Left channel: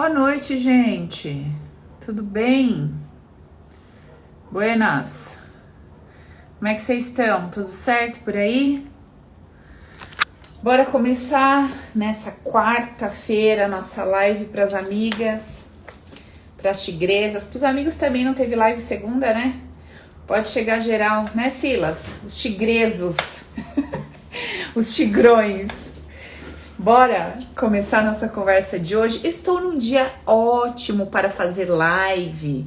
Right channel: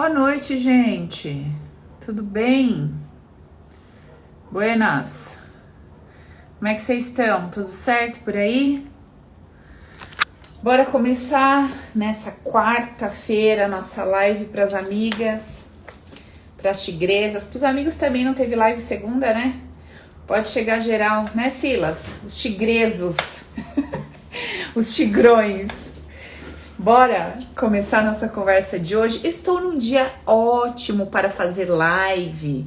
Boa noite, gente. Tudo bem? Buenas. Como é que vocês estão? Tudo certo por aí? Bora começar nessa quarta-feira nossa live para as amigas, para as tigresas. Para os amigos também não teve live segunda, né? Pode chegar geral, né, Silas? Os tigresos, os tigrões. Bora começar nossa conversa de hoje. Estou num dia ótimo para fazer live,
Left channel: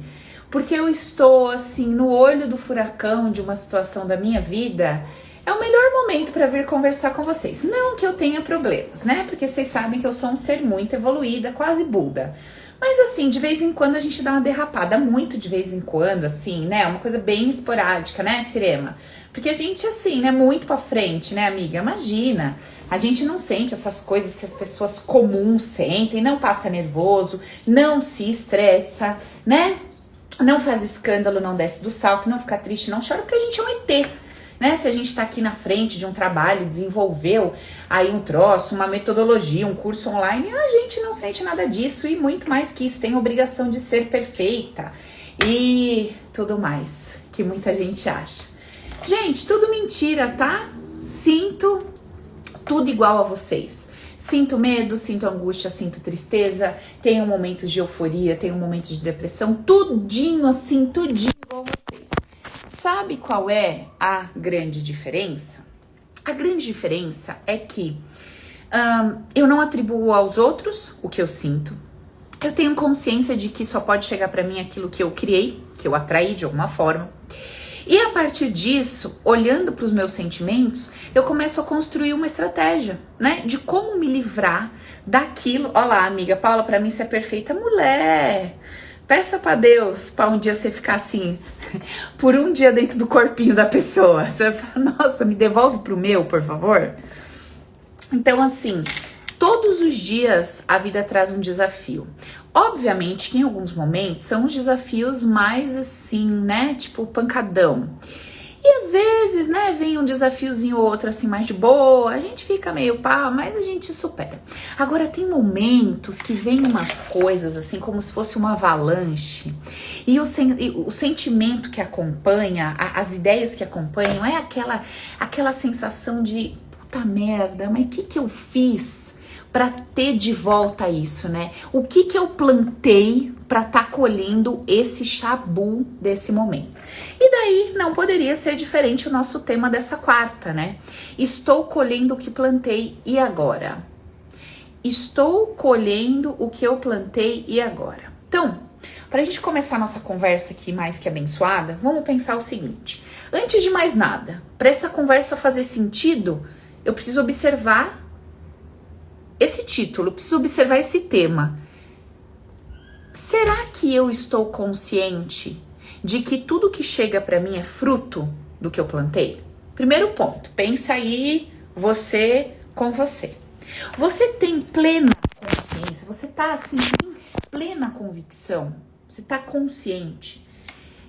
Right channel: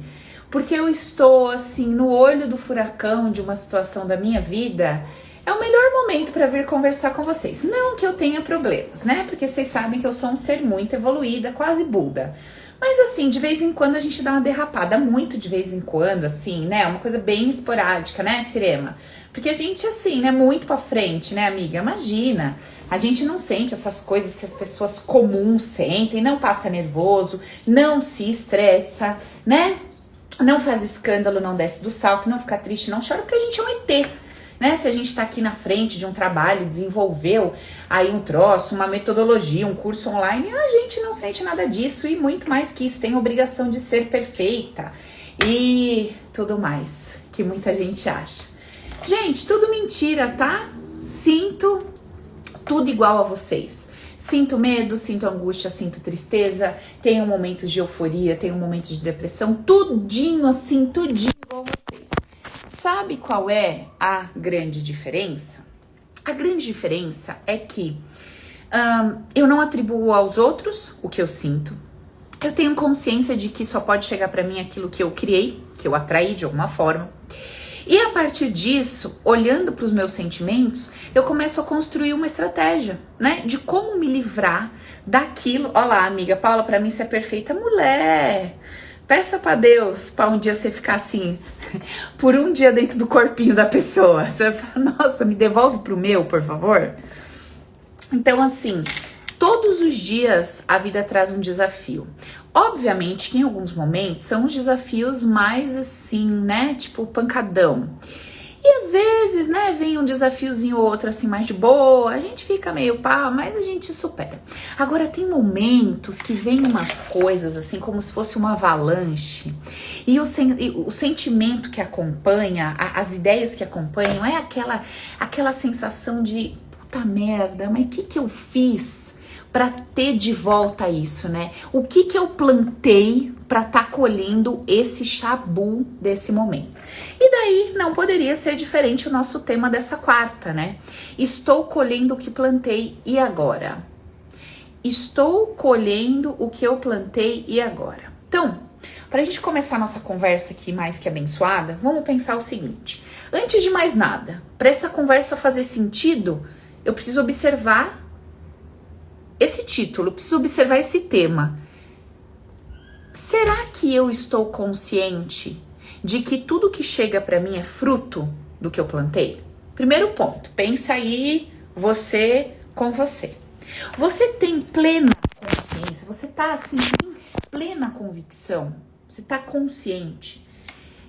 porque eu estou assim no olho do furacão de uma situação da minha vida. É o melhor momento para vir conversar com vocês. Não que eu tenha problemas, né? Porque vocês sabem que eu sou um ser muito evoluída, quase Buda. Mas assim, de vez em quando a gente dá uma derrapada, muito de vez em quando, assim, né? Uma coisa bem esporádica, né, Sirema? Porque a gente, assim, né, muito pra frente, né, amiga? Imagina, a gente não sente essas coisas que as pessoas comuns sentem, não passa nervoso, não se estressa, né? Não faz escândalo, não desce do salto, não fica triste, não chora, porque a gente é um ET. Né? Se a gente tá aqui na frente de um trabalho, desenvolveu aí um troço, uma metodologia, um curso online, a gente não sente nada disso e muito mais que isso, tem obrigação de ser perfeita e tudo mais que muita gente acha. Gente, tudo mentira, tá? Sinto tudo igual a vocês. Sinto medo, sinto angústia, sinto tristeza, tenho momentos de euforia, tenho momentos de depressão, tudinho assim, tudinho igual a vocês. Sabe qual é a grande diferença? A grande diferença é que eu não atribuo aos outros o que eu sinto. Eu tenho consciência de que só pode chegar para mim aquilo que eu criei, que eu atraí de alguma forma. E a partir disso, olhando para os meus sentimentos, eu começo a construir uma estratégia, né? De como me livrar daquilo. Olha lá, amiga Paula, para mim você é perfeita mulher. Peça pra Deus pra um dia você ficar assim, por um dia dentro do corpinho da pessoa. Você vai falar, nossa, me devolve pro meu, por favor. Então, assim, todos os dias a vida traz um desafio. Obviamente que em alguns momentos são os desafios mais assim, né, tipo pancadão. E às vezes, né, vem um desafiozinho ou outro assim mais de boa, a gente fica meio pá, mas a gente supera. Agora tem momentos que vem umas coisas assim como se fosse uma avalanche e o sentimento que acompanha, as ideias que acompanham é aquela sensação de puta merda, mas o que eu fiz para ter de volta isso, né? O que eu plantei para estar colhendo esse chabu desse momento? E daí não poderia ser diferente o nosso tema dessa quarta, né? Estou colhendo o que plantei e agora? Estou colhendo o que eu plantei e agora? Então, para a gente começar a nossa conversa aqui mais que abençoada, vamos pensar o seguinte. Antes de mais nada, para essa conversa fazer sentido, eu preciso observar esse título, preciso observar esse tema. Será que eu estou consciente de que tudo que chega para mim é fruto do que eu plantei? Primeiro ponto, pensa aí você com você. Você tem plena consciência, você tá assim, em plena convicção, você tá consciente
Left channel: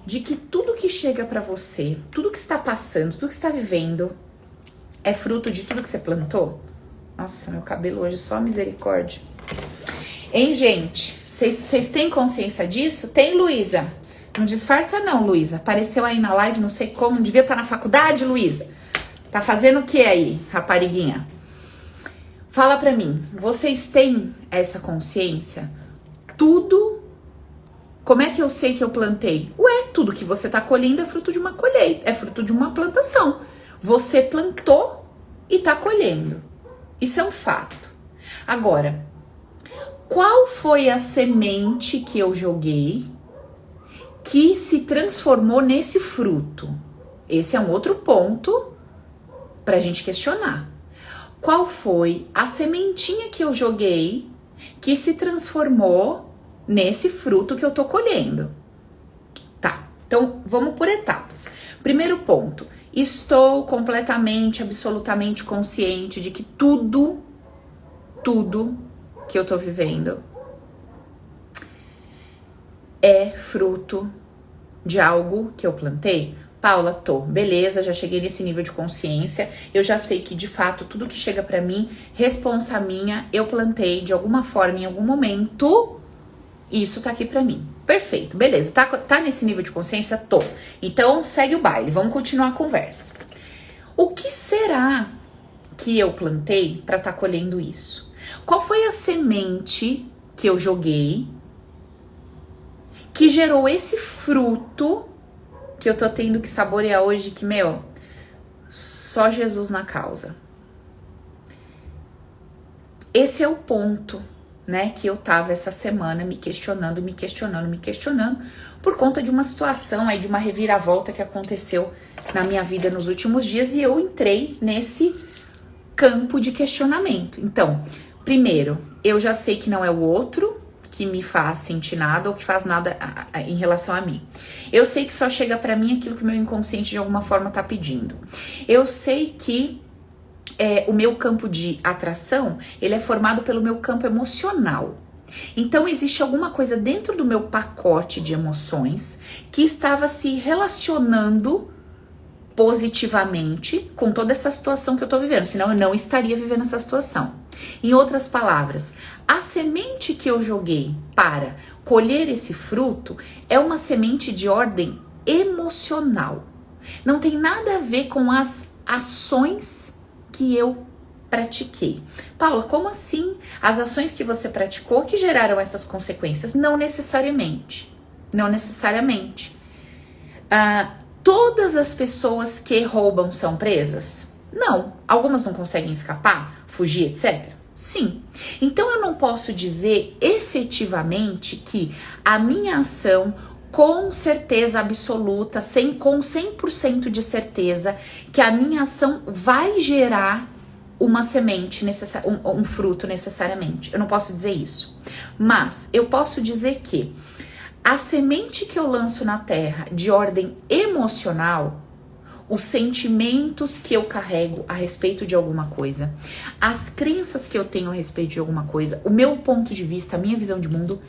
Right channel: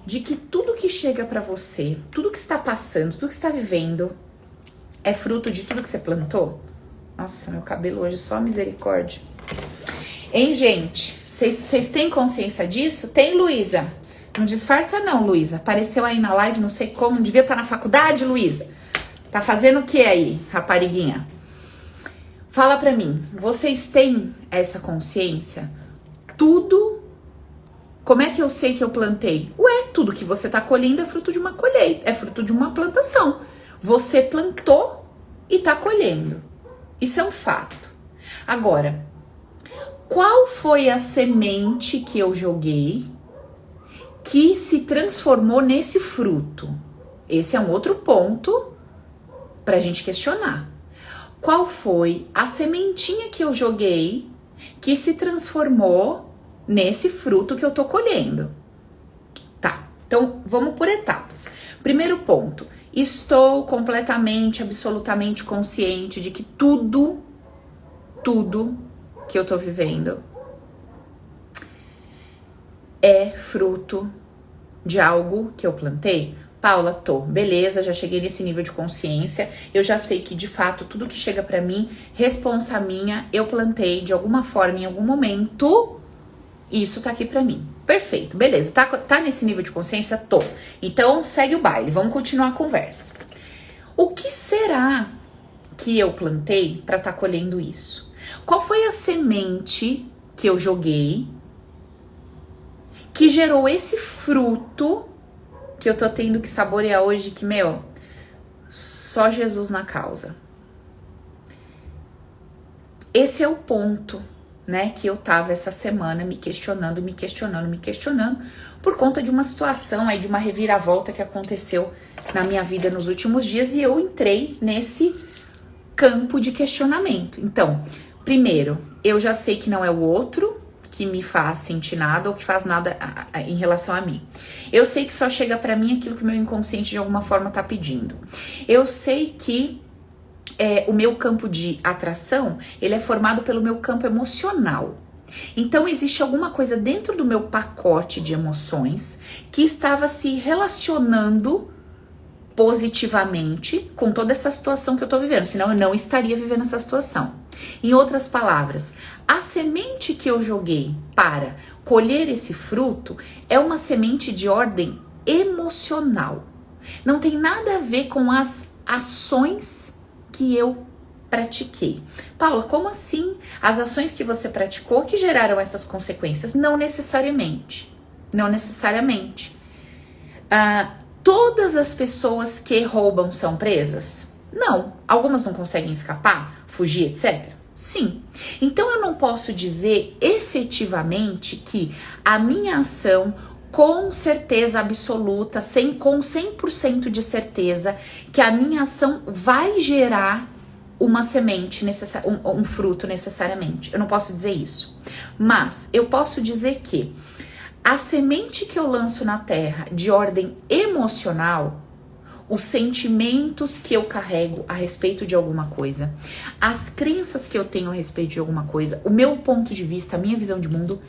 de que tudo que chega para você, tudo que está passando, tudo que está vivendo é fruto de tudo que você plantou? Nossa, meu cabelo hoje só misericórdia. Hein, gente? Vocês têm consciência disso? Tem, Luísa? Não disfarça não, Luísa. Apareceu aí na live, não sei como. Não devia estar na faculdade, Luísa? Tá fazendo o que aí, rapariguinha? Fala pra mim. Vocês têm essa consciência? Tudo... Como é que eu sei que eu plantei? Ué, tudo que você tá colhendo é fruto de uma colheita. É fruto de uma plantação. Você plantou e tá colhendo. Isso é um fato. Agora, qual foi a semente que eu joguei que se transformou nesse fruto? Esse é um outro ponto pra gente questionar. Qual foi a sementinha que eu joguei que se transformou nesse fruto que eu tô colhendo? Tá, então vamos por etapas. Primeiro ponto. Estou completamente, absolutamente consciente de que tudo que eu tô vivendo é fruto de algo que eu plantei? Paula, tô, beleza, já cheguei nesse nível de consciência, eu já sei que de fato tudo que chega pra mim, responsa minha, eu plantei de alguma forma, em algum momento, Isso tá aqui pra mim. Perfeito, beleza. Tá nesse nível de consciência? Tô. Então, segue o baile. Vamos continuar a conversa. O que será que eu plantei pra tá colhendo isso? Qual foi a semente que eu joguei que gerou esse fruto que eu tô tendo que saborear hoje, que, só Jesus na causa. Esse é o ponto, né, que eu tava essa semana me questionando, por conta de uma situação aí, de uma reviravolta que aconteceu na minha vida nos últimos dias, e eu entrei nesse campo de questionamento. Então, primeiro, eu já sei que não é o outro que me faz sentir nada ou que faz nada em relação a mim. Eu sei que só chega pra mim aquilo que o meu inconsciente de alguma forma tá pedindo. Eu sei que o meu campo de atração, ele é formado pelo meu campo emocional. Então, existe alguma coisa dentro do meu pacote de emoções que estava se relacionando positivamente com toda essa situação que eu tô vivendo, senão eu não estaria vivendo essa situação. Em outras palavras, a semente que eu joguei para colher esse fruto é uma semente de ordem emocional. Não tem nada a ver com as ações que eu pratiquei. Paula, como assim? As ações que você praticou que geraram essas consequências? Não necessariamente. Não necessariamente. Todas as pessoas que roubam são presas? Não. Algumas não conseguem escapar, fugir, etc? Sim. Então eu não posso dizer efetivamente que a minha ação, com certeza absoluta, com 100% de certeza, que a minha ação vai gerar uma semente, um fruto necessariamente. Eu não posso dizer isso. Mas eu posso dizer que a semente que eu lanço na terra de ordem emocional, os sentimentos que eu carrego a respeito de alguma coisa, as crenças que eu tenho a respeito de alguma coisa, o meu ponto de vista, a minha visão de mundo,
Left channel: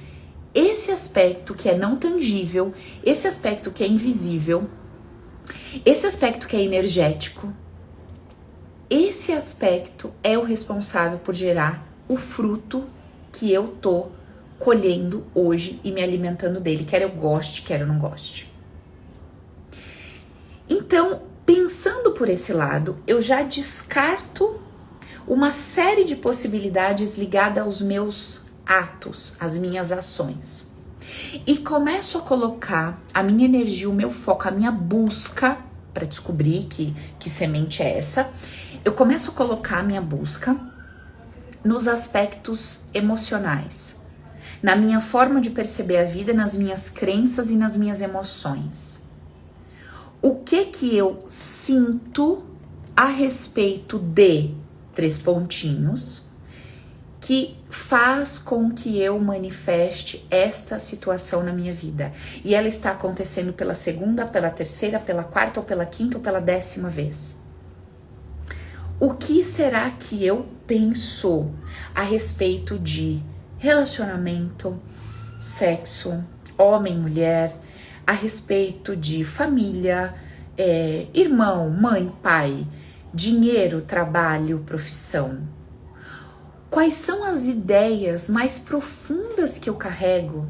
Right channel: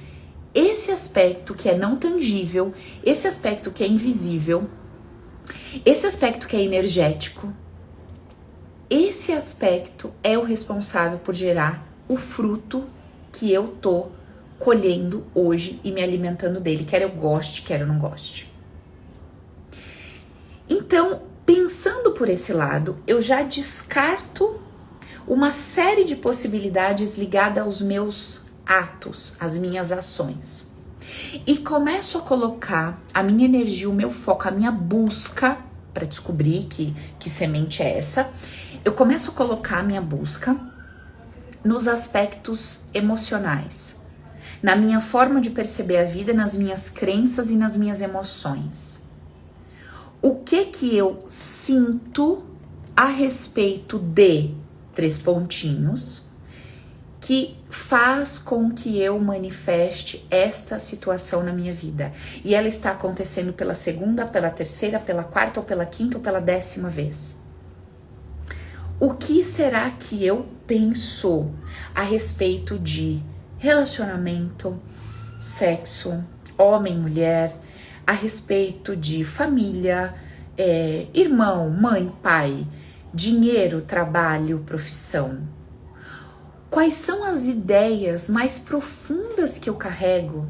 esse aspecto que é não tangível, esse aspecto que é invisível, esse aspecto que é energético, esse aspecto é o responsável por gerar o fruto que eu tô colhendo hoje e me alimentando dele, quer eu goste, quer eu não goste. Então, pensando por esse lado, eu já descarto uma série de possibilidades ligadas aos meus atos, às minhas ações. E começo a colocar a minha energia, o meu foco, a minha busca para descobrir que semente é essa. Eu começo a colocar a minha busca nos aspectos emocionais, na minha forma de perceber a vida, nas minhas crenças e nas minhas emoções. O que eu sinto a respeito de 3 pontinhos que faz com que eu manifeste esta situação na minha vida. E ela está acontecendo pela 2ª, pela 3ª, pela 4ª, ou pela 5ª, ou pela 10ª vez. O que será que eu penso a respeito de relacionamento, sexo, homem, mulher, a respeito de família, irmão, mãe, pai, dinheiro, trabalho, profissão? Quais são as ideias mais profundas que eu carrego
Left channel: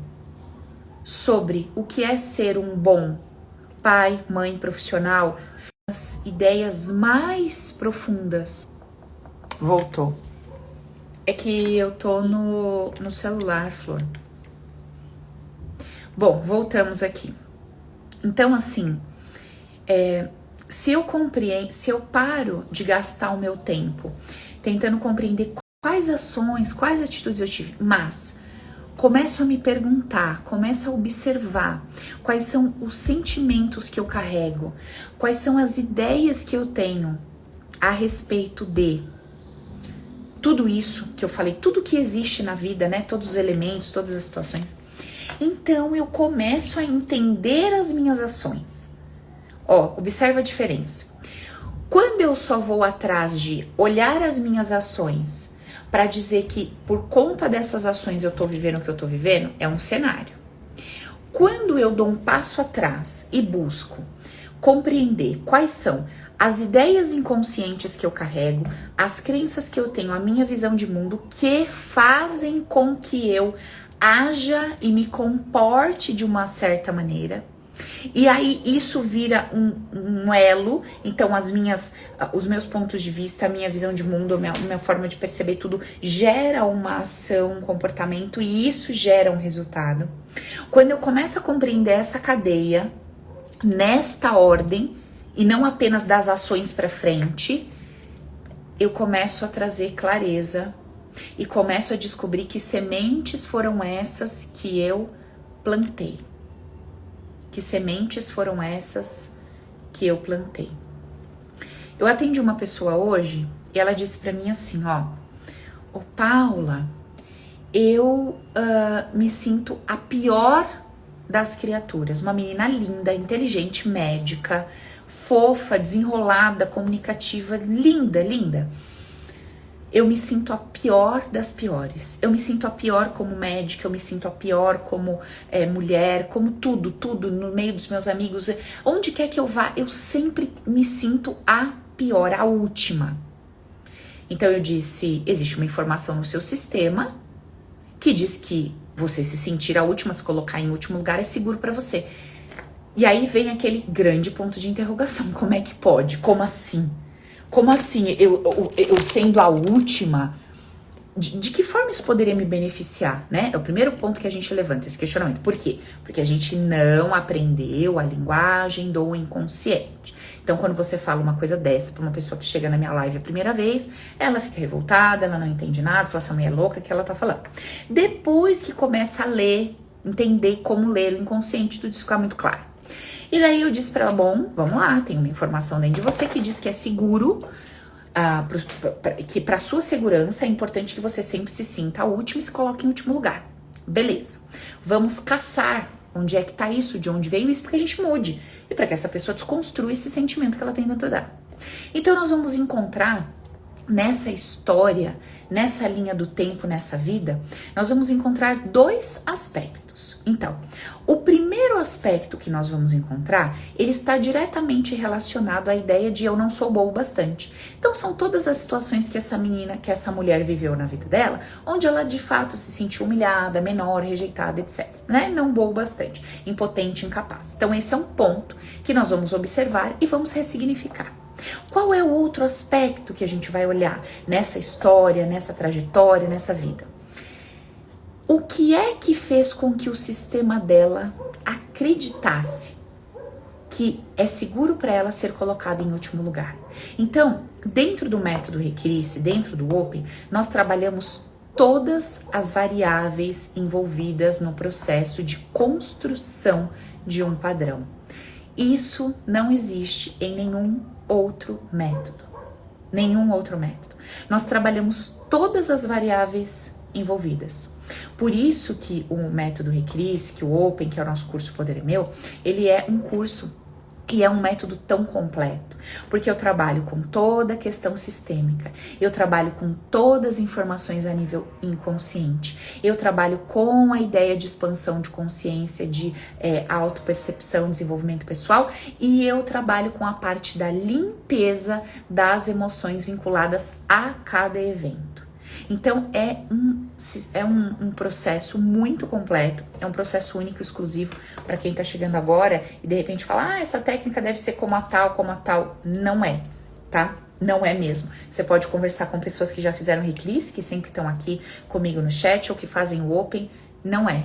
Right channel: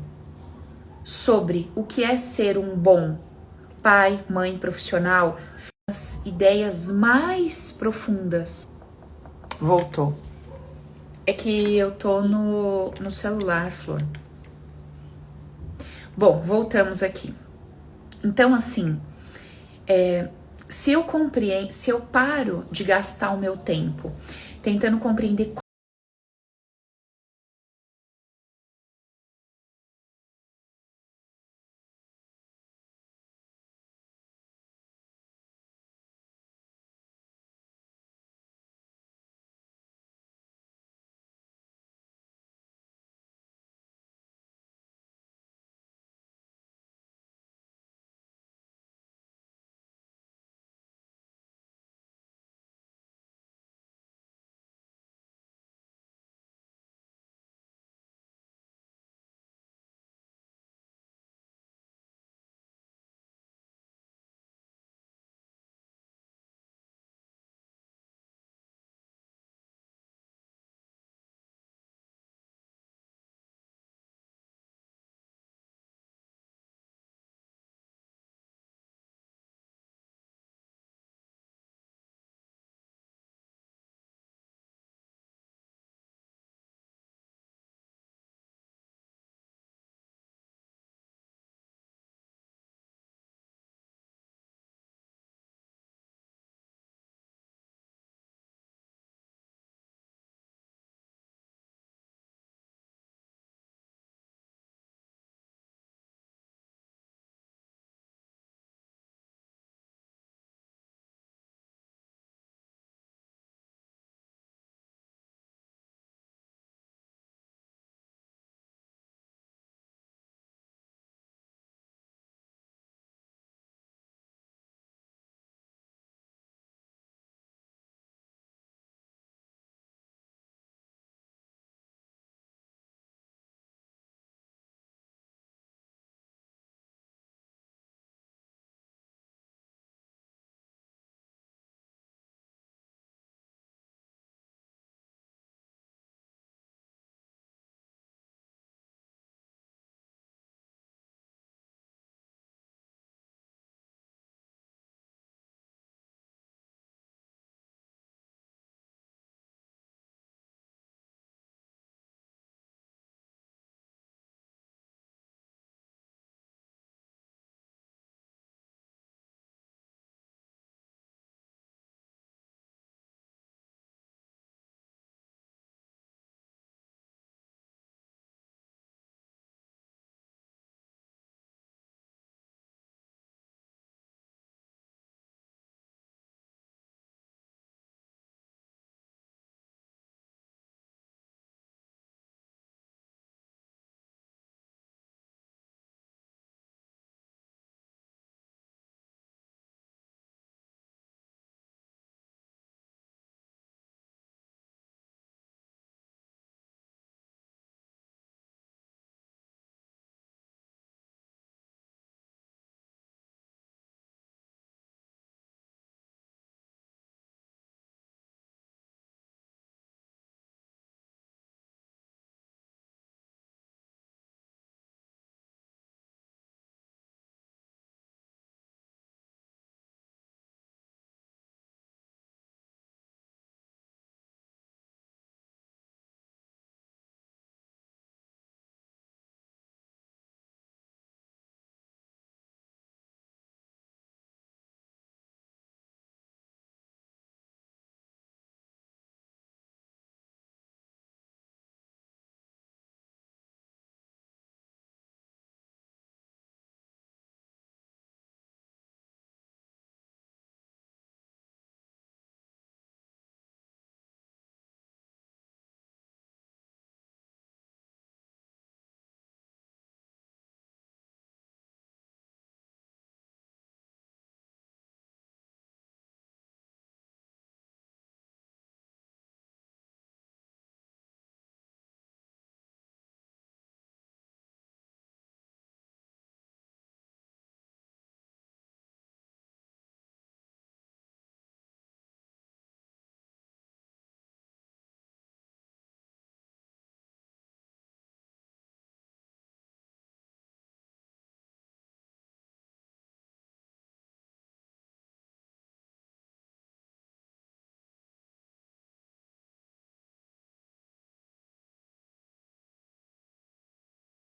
sobre o que é ser um bom pai, mãe, profissional? As ideias mais profundas. Voltou. É que eu tô no celular, Flor. Bom, voltamos aqui. Então, assim, se eu paro de gastar o meu tempo tentando compreender quais ações, quais atitudes eu tive, mas começo a me perguntar, começo a observar quais são os sentimentos que eu carrego, quais são as ideias que eu tenho a respeito de tudo isso que eu falei, tudo que existe na vida, né? Todos os elementos, todas as situações. Então eu começo a entender as minhas ações. Observa a diferença. Quando eu só vou atrás de olhar as minhas ações para dizer que por conta dessas ações eu tô vivendo o que eu tô vivendo, é um cenário. Quando eu dou um passo atrás e busco compreender quais são as ideias inconscientes que eu carrego, as crenças que eu tenho, a minha visão de mundo, que fazem com que eu haja e me comporte de uma certa maneira. E aí isso vira um elo, então os meus pontos de vista, a minha visão de mundo, a minha forma de perceber tudo gera uma ação, um comportamento, e isso gera um resultado. Quando eu começo a compreender essa cadeia, nesta ordem, e não apenas das ações para frente, eu começo a trazer clareza e começo a descobrir que sementes foram essas que eu plantei. Que sementes foram essas que eu plantei. Eu atendi uma pessoa hoje e ela disse pra mim assim, ô Paula, eu me sinto a pior das criaturas. Uma menina linda, inteligente, médica, fofa, desenrolada, comunicativa, linda, linda. Eu me sinto a pior das piores. Eu me sinto a pior como médica, eu me sinto a pior como mulher, como tudo no meio dos meus amigos. Onde quer que eu vá, eu sempre me sinto a pior, a última. Então eu disse, existe uma informação no seu sistema que diz que você se sentir a última, se colocar em último lugar é seguro para você. E aí vem aquele grande ponto de interrogação. Como é que pode? Como assim? Como assim, eu sendo a última, de que forma isso poderia me beneficiar, né? É o primeiro ponto que a gente levanta, esse questionamento. Por quê? Porque a gente não aprendeu a linguagem do inconsciente. Então, quando você fala uma coisa dessa pra uma pessoa que chega na minha live a primeira vez, ela fica revoltada, ela não entende nada, fala, essa mulher é louca, que ela tá falando. Depois que começa a ler, entender como ler o inconsciente, tudo isso fica muito claro. E daí eu disse pra ela, bom, vamos lá, tem uma informação dentro de você que diz que é seguro, que pra sua segurança é importante que você sempre se sinta a última e se coloque em último lugar. Beleza, vamos caçar onde é que tá isso, de onde veio isso, para que a gente mude. E para que essa pessoa desconstrua esse sentimento que ela tem dentro dela. Então nós vamos encontrar nessa história, nessa linha do tempo, nessa vida, nós vamos encontrar dois aspectos. Então, o primeiro aspecto que nós vamos encontrar, ele está diretamente relacionado à ideia de eu não sou boa o bastante. Então, são todas as situações que essa menina, que essa mulher viveu na vida dela, onde ela de fato se sentiu humilhada, menor, rejeitada, etc. Né? Não boa o bastante, impotente, incapaz. Então, esse é um ponto que nós vamos observar e vamos ressignificar. Qual é o outro aspecto que a gente vai olhar nessa história, nessa trajetória, nessa vida? O que é que fez com que o sistema dela acreditasse que é seguro para ela ser colocada em último lugar? Então, dentro do método Recrisse, dentro do Open, nós trabalhamos todas as variáveis envolvidas no processo de construção de um padrão. Isso não existe em nenhum outro método. Nenhum outro método. Nós trabalhamos todas as variáveis envolvidas. Por isso que o método Recrisse, que o Open, que é o nosso curso Poder é Meu, ele é um curso e é um método tão completo, porque eu trabalho com toda a questão sistêmica, eu trabalho com todas as informações a nível inconsciente, eu trabalho com a ideia de expansão de consciência, de autopercepção, desenvolvimento pessoal, e eu trabalho com a parte da limpeza das emoções vinculadas a cada evento. Então é um processo muito completo, é um processo único, exclusivo para quem tá chegando agora e de repente fala, essa técnica deve ser como a tal. Não é, tá? Não é mesmo. Você pode conversar com pessoas que já fizeram Recrisse, que sempre estão aqui comigo no chat ou que fazem o Open.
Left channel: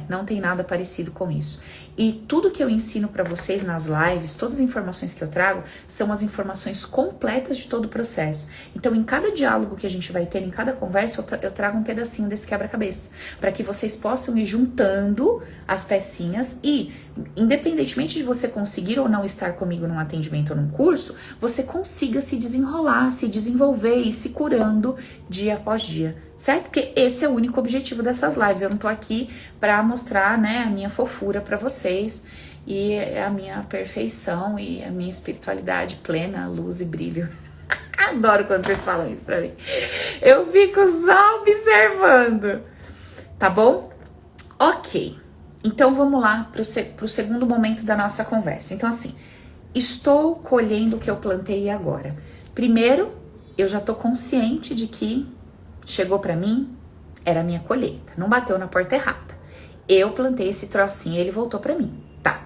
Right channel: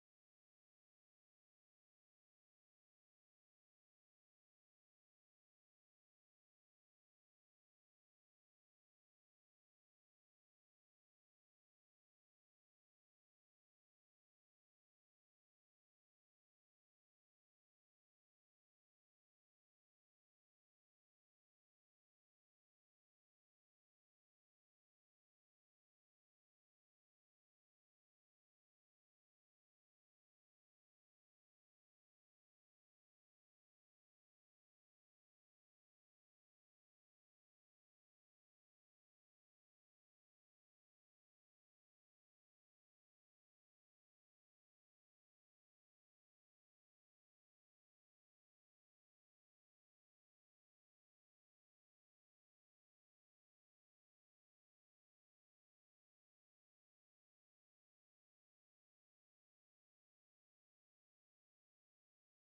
Não tem nada parecido com isso. E tudo que eu ensino para vocês nas lives, todas as informações que eu trago, são as informações completas de todo o processo. Então, em cada diálogo que a gente vai ter, em cada conversa, eu trago um pedacinho desse quebra-cabeça, para que vocês possam ir juntando as pecinhas e, independentemente de você conseguir ou não estar comigo num atendimento ou num curso, você consiga se desenrolar, se desenvolver e se curando dia após dia. Certo? Porque esse é o único objetivo dessas lives. Eu não tô aqui pra mostrar, né, a minha fofura pra vocês e a minha perfeição e a minha espiritualidade plena, luz e brilho. Adoro quando vocês falam isso pra mim. Eu fico só observando. Tá bom? Ok. Então vamos lá pro segundo momento da nossa conversa. Então assim, estou colhendo o que eu plantei agora. Primeiro, eu já tô consciente de que chegou pra mim, era a minha colheita, não bateu na porta errada. eu plantei esse trocinho e ele voltou pra mim. Tá.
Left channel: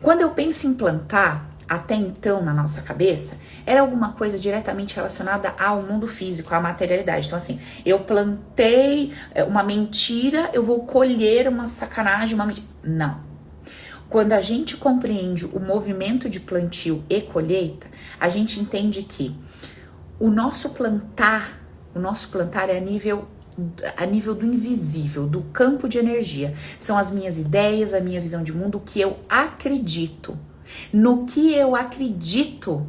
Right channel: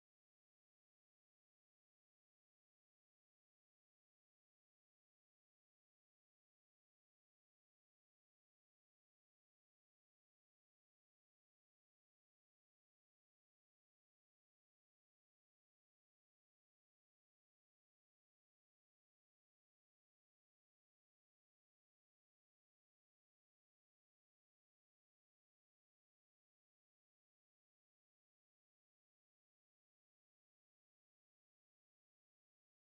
Quando eu penso em plantar, até então na nossa cabeça, era alguma coisa diretamente relacionada ao mundo físico, à materialidade. Então assim, eu plantei uma mentira, eu vou colher uma sacanagem, uma mentira. Não. Quando a gente compreende o movimento de plantio e colheita, a gente entende que o nosso plantar é a nível do invisível, do campo de energia. São as minhas ideias, a minha visão de mundo, o que eu acredito. No que eu acredito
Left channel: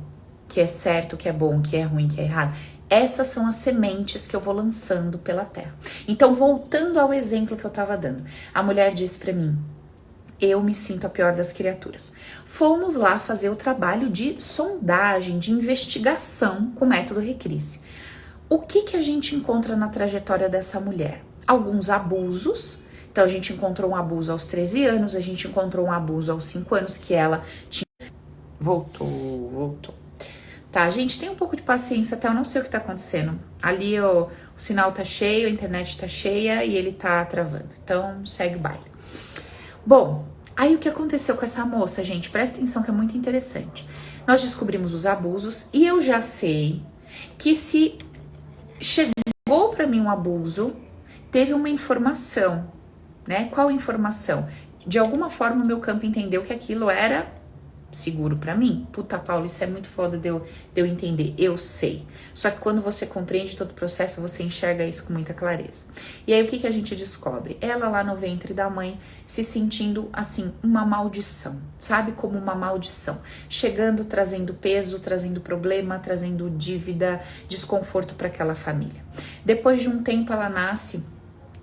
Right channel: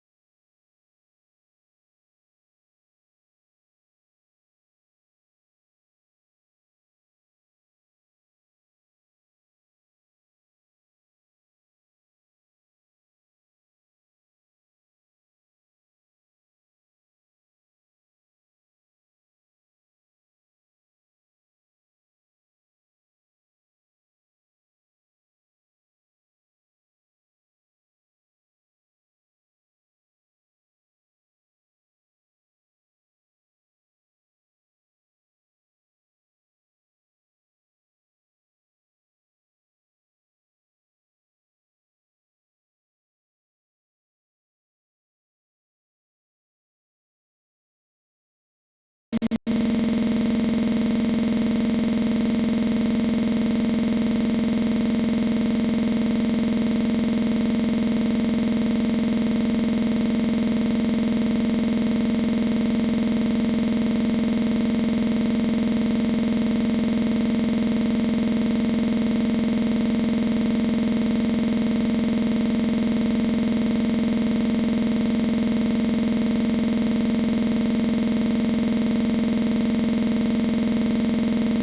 que é certo, que é bom, que é ruim, que é errado. Essas são as sementes que eu vou lançando pela terra. Então, voltando ao exemplo que eu estava dando, a mulher disse para mim: eu me sinto a pior das criaturas. Fomos lá fazer o trabalho de sondagem, de investigação com o método Recris. O que a gente encontra na trajetória dessa mulher? Alguns abusos. Então, a gente encontrou um abuso aos 13 anos, a gente encontrou um abuso aos 5 anos que ela tinha... Voltou. Tá, gente, tem um pouco de paciência, até eu não sei o que tá acontecendo. Ali o sinal tá cheio, a internet tá cheia e ele tá travando. Então, segue o baile. Bom, aí o que aconteceu com essa moça, gente? Presta atenção que é muito interessante. Nós descobrimos os abusos e eu já sei que se chegou para mim um abuso, teve uma informação, né? Qual informação? De alguma forma o meu campo entendeu que aquilo era seguro para mim. Puta, Paulo, isso é muito foda de eu entender. Eu sei. Só que quando você compreende todo o processo, você enxerga isso com muita clareza. E aí o que a gente descobre? Ela lá no ventre da mãe se sentindo assim, uma maldição, sabe? Como uma maldição. Chegando, trazendo peso, trazendo problema, trazendo dívida, desconforto para aquela família. Depois de um tempo ela nasce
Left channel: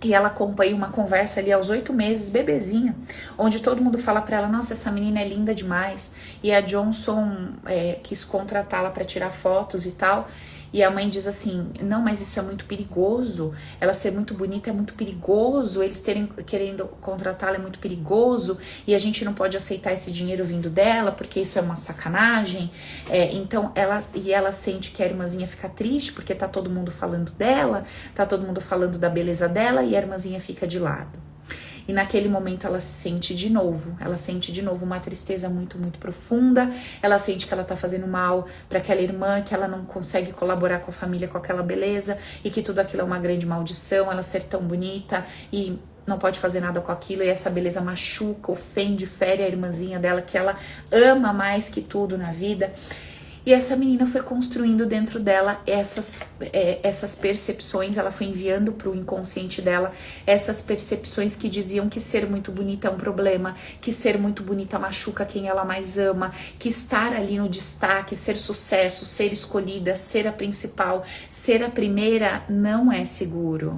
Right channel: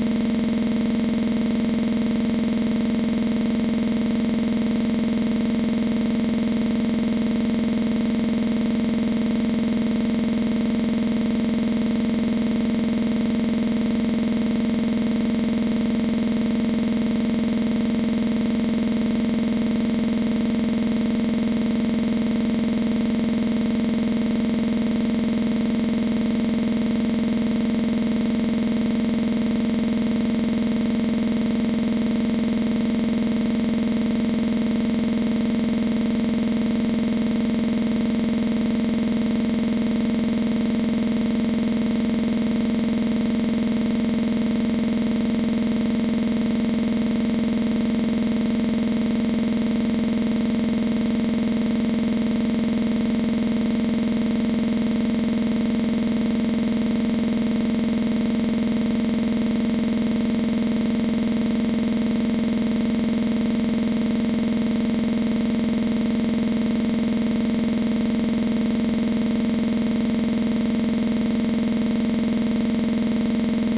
e ela acompanha uma conversa ali aos 8 meses, bebezinha, onde todo mundo fala para ela: nossa, essa menina é linda demais. E a Johnson quis contratá-la para tirar fotos e tal. E a mãe diz assim: não, mas isso é muito perigoso. Ela ser muito bonita é muito perigoso. Eles querendo contratá-la é muito perigoso. E a gente não pode aceitar esse dinheiro vindo dela, porque isso é uma sacanagem. Então ela sente que a irmãzinha fica triste, porque tá todo mundo falando dela, tá todo mundo falando da beleza dela, e a irmãzinha fica de lado. E naquele momento ela se sente de novo, uma tristeza muito, muito profunda. Ela sente que ela tá fazendo mal para aquela irmã, que ela não consegue colaborar com a família com aquela beleza, e que tudo aquilo é uma grande maldição, ela ser tão bonita e não pode fazer nada com aquilo, e essa beleza machuca, ofende, fere a irmãzinha dela, que ela ama mais que tudo na vida. E essa menina foi construindo dentro dela essas percepções, ela foi enviando para o inconsciente dela essas percepções que diziam que ser muito bonita é um problema, que ser muito bonita machuca quem ela mais ama, que estar ali no destaque, ser sucesso, ser escolhida, ser a principal, ser a primeira não é seguro.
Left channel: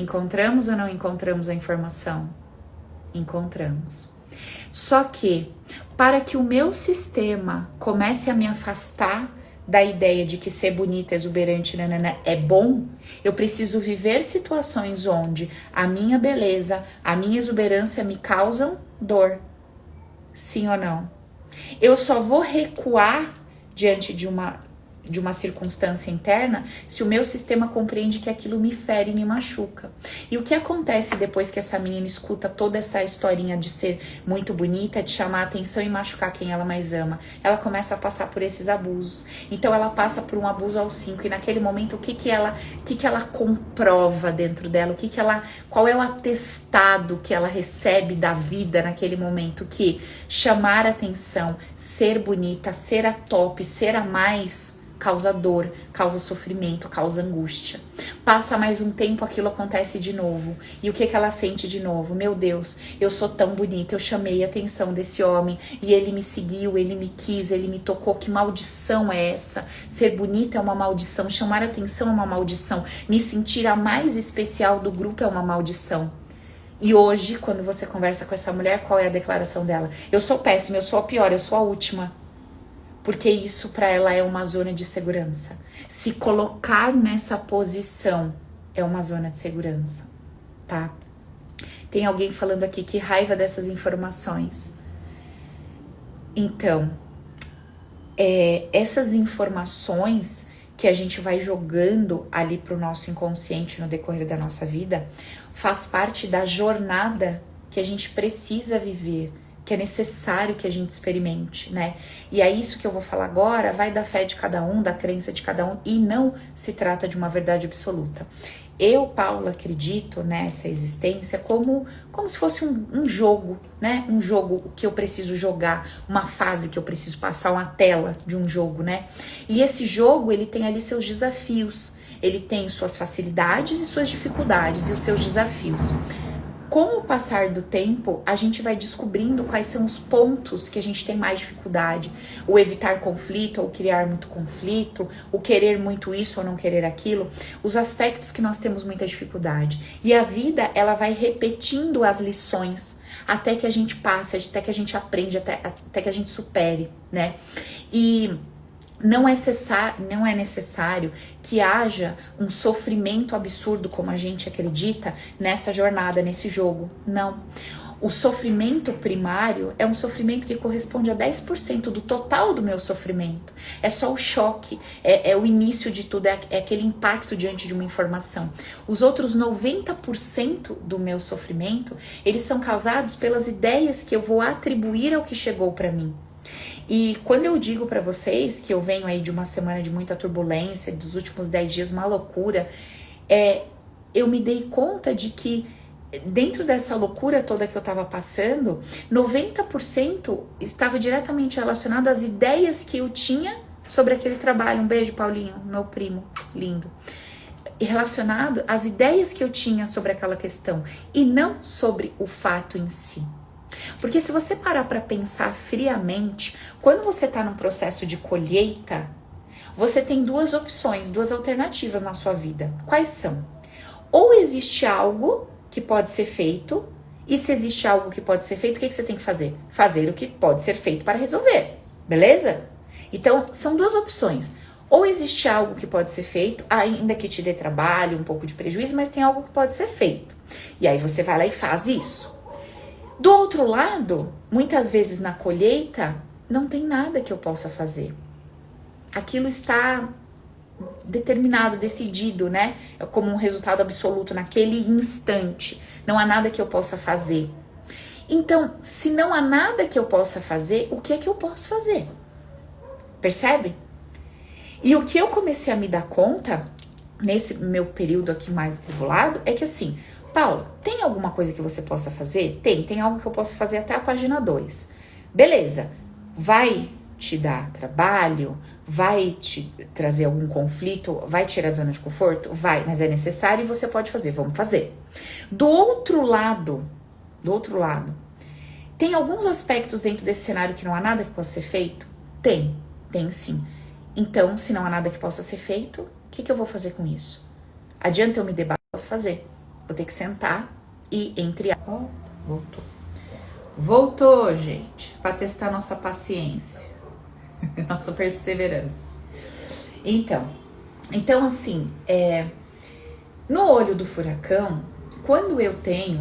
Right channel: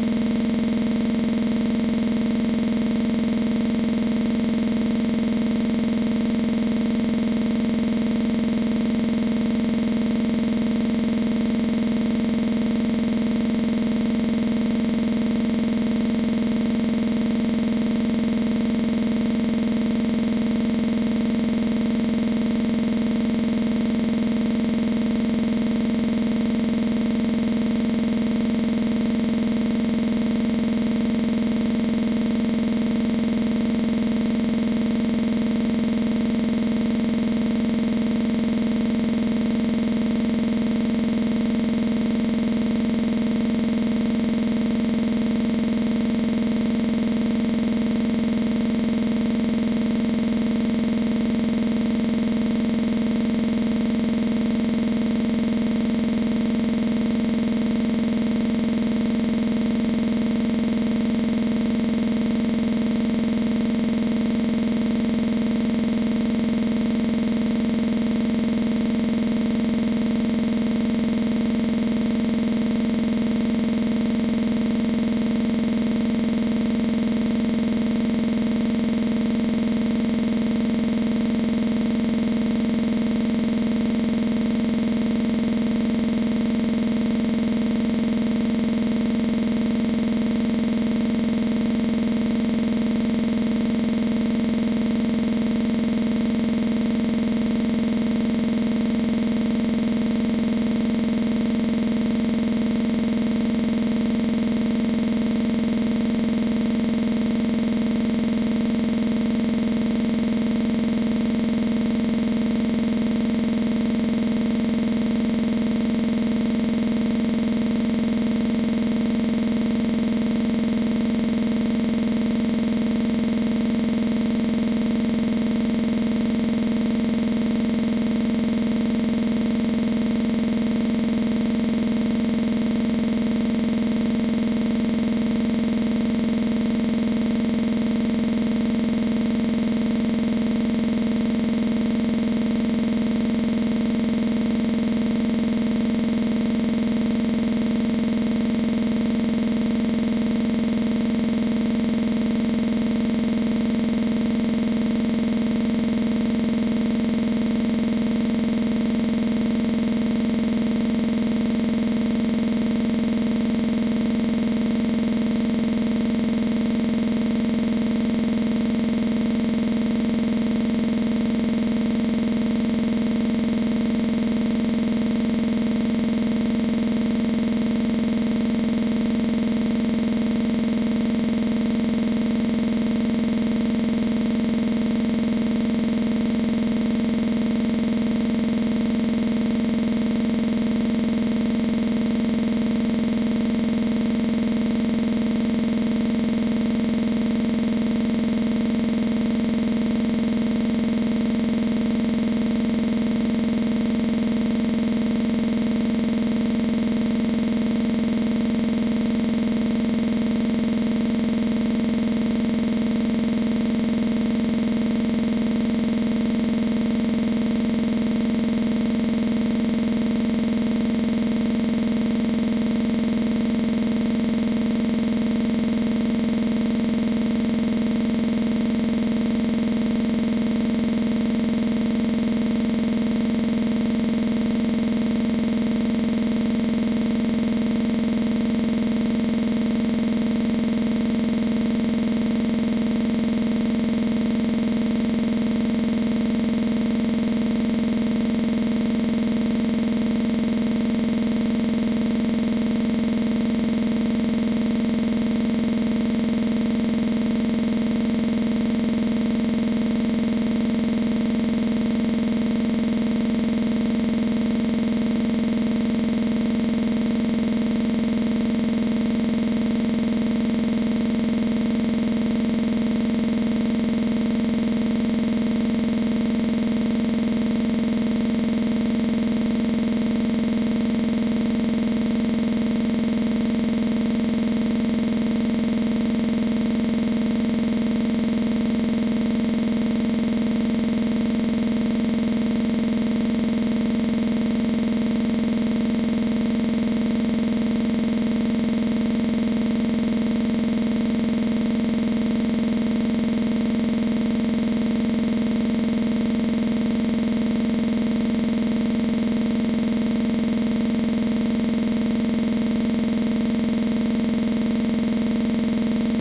Encontramos ou não encontramos a informação? Encontramos. Só que, para que o meu sistema comece a me afastar da ideia de que ser bonita, exuberante, é bom, eu preciso viver situações onde a minha beleza, a minha exuberância me causam dor. Sim ou não? Eu só vou recuar diante de uma circunstância interna se o meu sistema compreende que aquilo me fere e me machuca. E o que acontece depois que essa menina escuta toda essa historinha de ser muito bonita, de chamar a atenção e machucar quem ela mais ama? Ela começa a passar por esses abusos. Então ela passa por um abuso aos 5, e naquele momento o que ela comprova dentro dela? Qual é o atestado que ela recebe da vida naquele momento? Que chamar a atenção, ser bonita, ser a top, ser a mais, causa dor, causa sofrimento, causa angústia. Passa mais um tempo, aquilo acontece de novo. E o que ela sente de novo? Meu Deus, eu sou tão bonita, eu chamei a atenção desse homem e ele me seguiu, ele me quis, ele me tocou. Que maldição é essa? Ser bonita é uma maldição, chamar a atenção é uma maldição, me sentir a mais especial do grupo é uma maldição. E hoje, quando você conversa com essa mulher, qual é a declaração dela? Eu sou péssima, eu sou a pior, eu sou a última. Porque isso para ela é uma zona de segurança. Se colocar nessa posição é uma zona de segurança, tá? Tem alguém falando aqui que raiva dessas informações. Então, essas informações que a gente vai jogando ali pro nosso inconsciente no decorrer da nossa vida faz parte da jornada que a gente precisa viver, que é necessário que a gente experimente, né? E é isso que eu vou falar agora, vai da fé de cada um, da crença de cada um, e não se trata de uma verdade absoluta. Eu, Paula, acredito nessa existência como se fosse um jogo, né? Um jogo que eu preciso jogar, uma fase que eu preciso passar, uma tela de um jogo, né? E esse jogo, ele tem ali seus desafios, ele tem suas facilidades e suas dificuldades e os seus desafios. Com o passar do tempo, a gente vai descobrindo quais são os pontos que a gente tem mais dificuldade, o evitar conflito, ou criar muito conflito, o querer muito isso ou não querer aquilo, os aspectos que nós temos muita dificuldade. E a vida, ela vai repetindo as lições até que a gente passe, até que a gente aprende, até que a gente supere, né? E não é necessário que haja um sofrimento absurdo, como a gente acredita, nessa jornada, nesse jogo. Não. O sofrimento primário é um sofrimento que corresponde a 10% do total do meu sofrimento. É só o choque, é o início de tudo, é aquele impacto diante de uma informação. Os outros 90% do meu sofrimento, eles são causados pelas ideias que eu vou atribuir ao que chegou para mim. E quando eu digo para vocês que eu venho aí de uma semana de muita turbulência, dos últimos 10 dias, uma loucura, eu me dei conta de que dentro dessa loucura toda que eu estava passando, 90% estava diretamente relacionado às ideias que eu tinha sobre aquele trabalho. Um beijo, Paulinho, meu primo lindo. E relacionado às ideias que eu tinha sobre aquela questão e não sobre o fato em si. Porque se você parar para pensar friamente, quando você está no processo de colheita, você tem duas opções, duas alternativas na sua vida. Quais são? Ou existe algo que pode ser feito, e se existe algo que pode ser feito, o que você tem que fazer? Fazer o que pode ser feito para resolver, beleza? Então, são duas opções. Ou existe algo que pode ser feito, ainda que te dê trabalho, um pouco de prejuízo, mas tem algo que pode ser feito. E aí você vai lá e faz isso. Do outro lado, muitas vezes na colheita, não tem nada que eu possa fazer. Aquilo está determinado, decidido, né? Como um resultado absoluto naquele instante. Não há nada que eu possa fazer. Então, se não há nada que eu possa fazer, o que é que eu posso fazer? Percebe? E o que eu comecei a me dar conta, nesse meu período aqui mais atribulado, é que assim, Paulo, tem alguma coisa que você possa fazer? Tem algo que eu posso fazer até a página 2. Beleza. Vai te dar trabalho? Vai te trazer algum conflito? Vai tirar da zona de conforto? Vai, mas é necessário e você pode fazer. Vamos fazer. Do outro lado, tem alguns aspectos dentro desse cenário que não há nada que possa ser feito? Tem sim. Então, se não há nada que possa ser feito, o que eu vou fazer com isso? Adianta eu me debater? Posso fazer. Vou ter que sentar e entre a... Voltou, gente, para testar nossa paciência, nossa perseverança. Então assim, no olho do furacão, quando eu tenho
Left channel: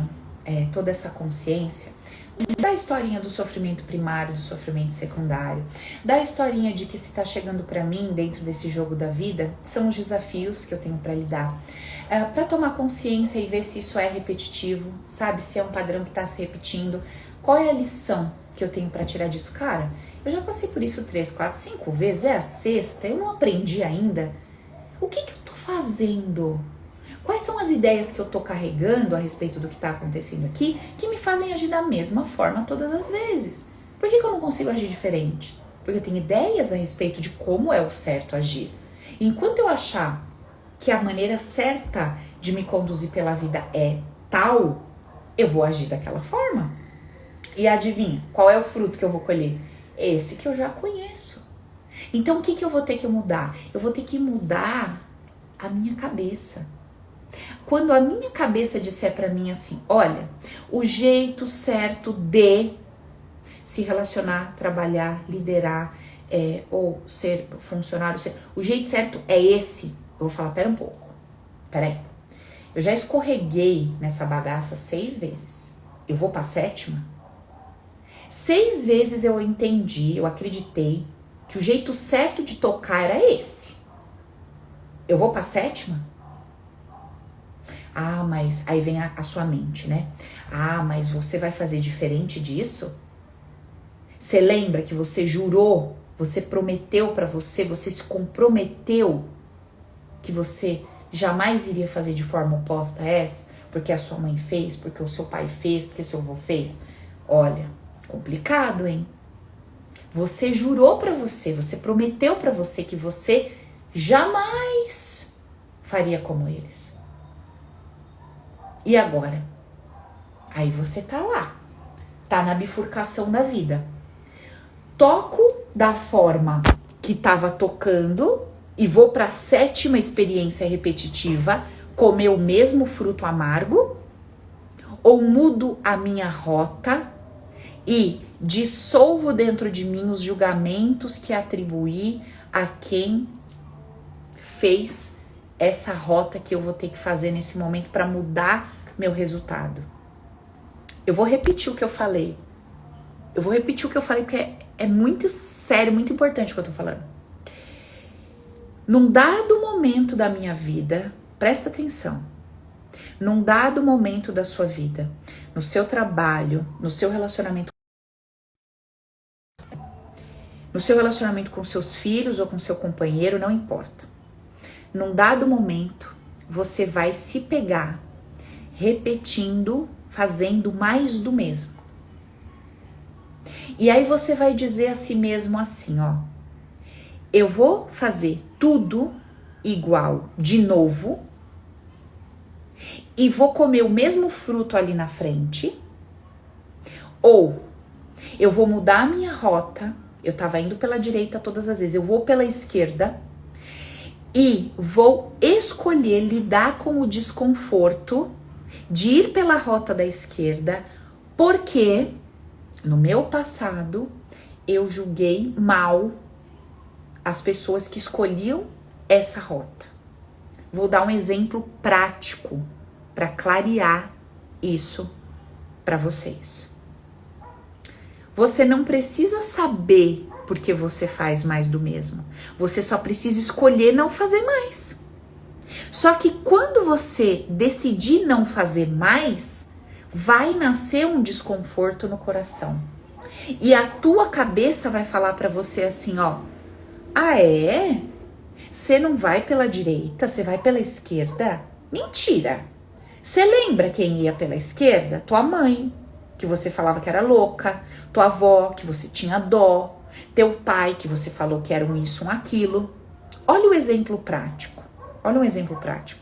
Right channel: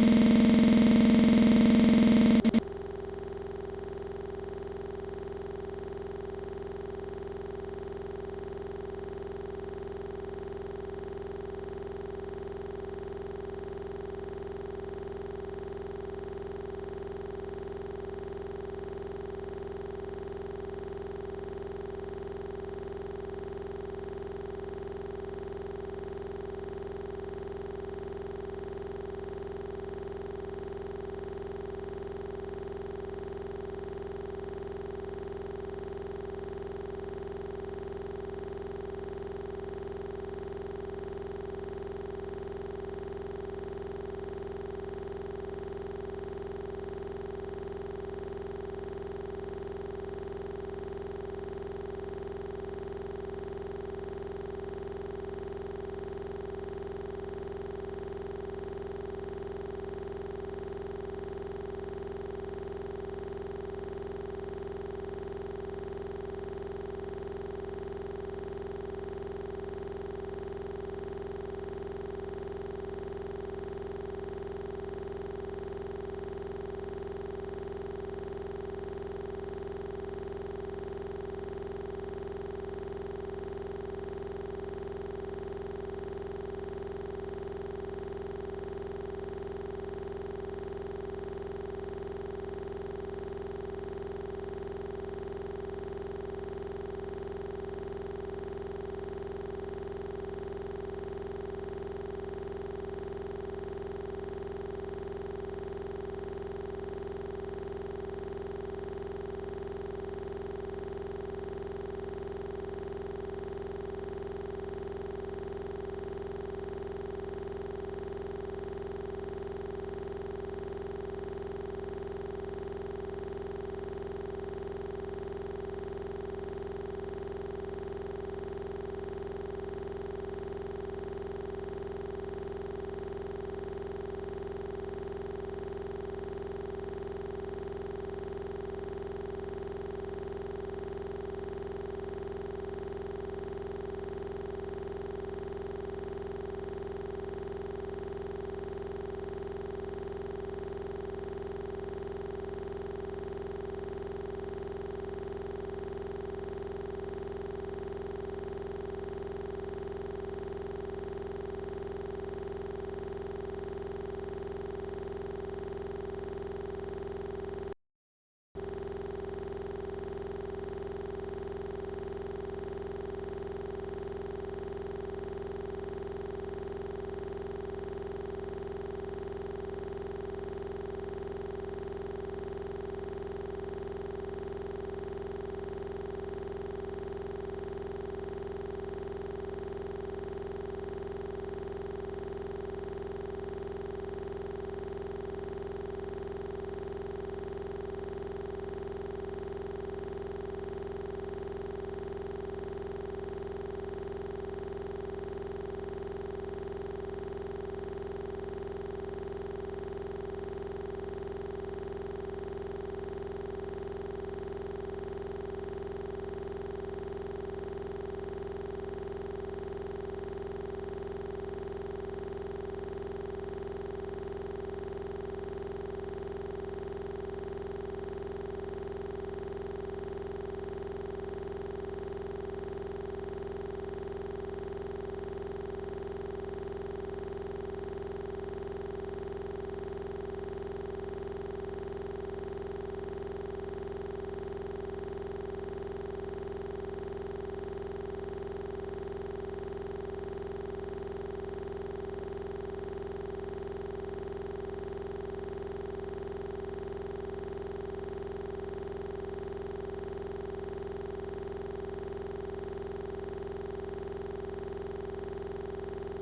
toda essa consciência da historinha do sofrimento primário, do sofrimento secundário, da historinha de que se tá chegando para mim dentro desse jogo da vida, são os desafios que eu tenho para lidar, para tomar consciência e ver se isso é repetitivo, sabe, se é um padrão que tá se repetindo, qual é a lição que eu tenho para tirar disso, cara? Eu já passei por isso 3, 4, 5 vezes, é a sexta, eu não aprendi ainda. O que eu tô fazendo? Quais são as ideias que eu tô carregando a respeito do que tá acontecendo aqui que me fazem agir da mesma forma todas as vezes? Por que eu não consigo agir diferente? Porque eu tenho ideias a respeito de como é o certo agir. Enquanto eu achar que a maneira certa de me conduzir pela vida é tal, eu vou agir daquela forma. E adivinha, qual é o fruto que eu vou colher? Esse que eu já conheço. Então, o que eu vou ter que mudar? Eu vou ter que mudar a minha cabeça. Quando a minha cabeça disser pra mim assim, olha, o jeito certo de se relacionar, trabalhar, liderar, ou ser funcionário, o jeito certo é esse. Eu vou falar, pera um pouco, peraí. Eu já escorreguei nessa bagaça 6 vezes. Eu vou pra 7ª? 6 vezes eu entendi, eu acreditei que o jeito certo de tocar era esse. Eu vou pra 7ª? Ah, mas aí vem a sua mente, né? Ah, mas você vai fazer diferente disso? Você lembra que você jurou, você prometeu pra você, você se comprometeu que você jamais iria fazer de forma oposta a essa? Porque a sua mãe fez, porque o seu pai fez, porque seu avô fez? Olha, complicado, hein? Você jurou pra você, você prometeu pra você que você jamais faria como eles. E agora? Aí você tá lá, tá na bifurcação da vida. Toco da forma que tava tocando e vou pra 7ª experiência repetitiva, comer o mesmo fruto amargo, ou mudo a minha rota e dissolvo dentro de mim os julgamentos que atribuí a quem fez essa rota que eu vou ter que fazer nesse momento para mudar meu resultado. Eu vou repetir o que eu falei. Eu vou repetir o que eu falei porque é muito sério, muito importante o que eu tô falando. Num dado momento da minha vida, presta atenção. Num dado momento da sua vida, no seu trabalho, no seu relacionamento com seus filhos ou com seu companheiro, não importa. Num dado momento, você vai se pegar repetindo, fazendo mais do mesmo. E aí você vai dizer a si mesmo assim, ó: eu vou fazer tudo igual de novo e vou comer o mesmo fruto ali na frente, ou eu vou mudar a minha rota. Eu tava indo pela direita todas as vezes, eu vou pela esquerda e vou escolher lidar com o desconforto de ir pela rota da esquerda, porque no meu passado eu julguei mal as pessoas que escolhiam essa rota. Vou dar um exemplo prático para clarear isso para vocês. Você não precisa saber por que você faz mais do mesmo. Você só precisa escolher não fazer mais. Só que quando você decidir não fazer mais, vai nascer um desconforto no coração. E a tua cabeça vai falar para você assim, ó: ah, é? Você não vai pela direita, você vai pela esquerda? Mentira! Você lembra quem ia pela esquerda? Tua mãe, que você falava que era louca. Tua avó, que você tinha dó. Teu pai, que você falou que era um isso, um aquilo. Olha o exemplo prático. Olha um exemplo prático.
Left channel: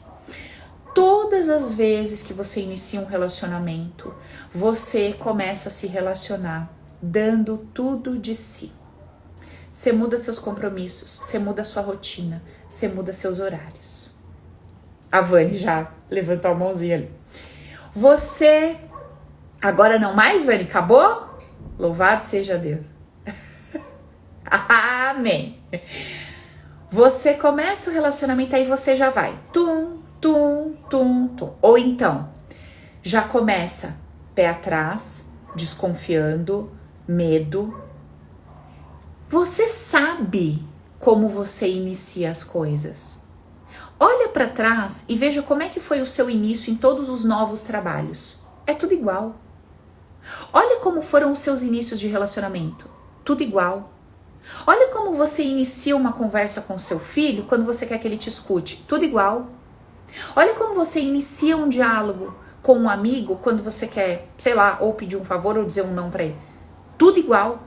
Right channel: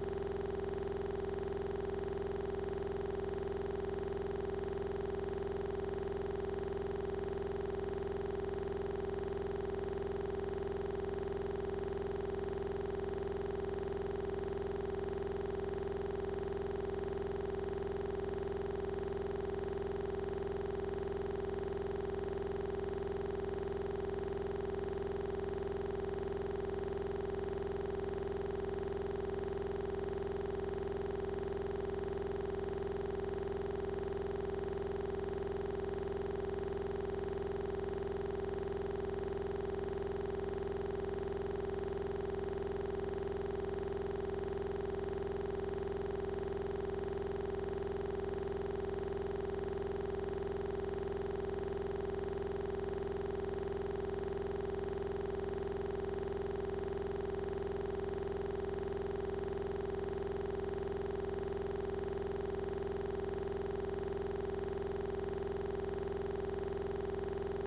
Todas as vezes que você inicia um relacionamento, você começa a se relacionar dando tudo de si. Você muda seus compromissos, você muda sua rotina, você muda seus horários. A Vani já levantou a mãozinha ali. Você... Agora não mais, Vani? Acabou? Louvado seja Deus. Amém. Você começa o relacionamento, aí você já vai tum, tum, tum, tum. Ou então, já começa pé atrás, desconfiando, medo. Você sabe como você inicia as coisas. Olha para trás e veja como é que foi o seu início em todos os novos trabalhos. É tudo igual. Olha como foram os seus inícios de relacionamento. Tudo igual. Olha como você inicia uma conversa com seu filho quando você quer que ele te escute. Tudo igual. Olha como você inicia um diálogo com um amigo quando você quer, sei lá, ou pedir um favor ou dizer um não para ele. Tudo igual.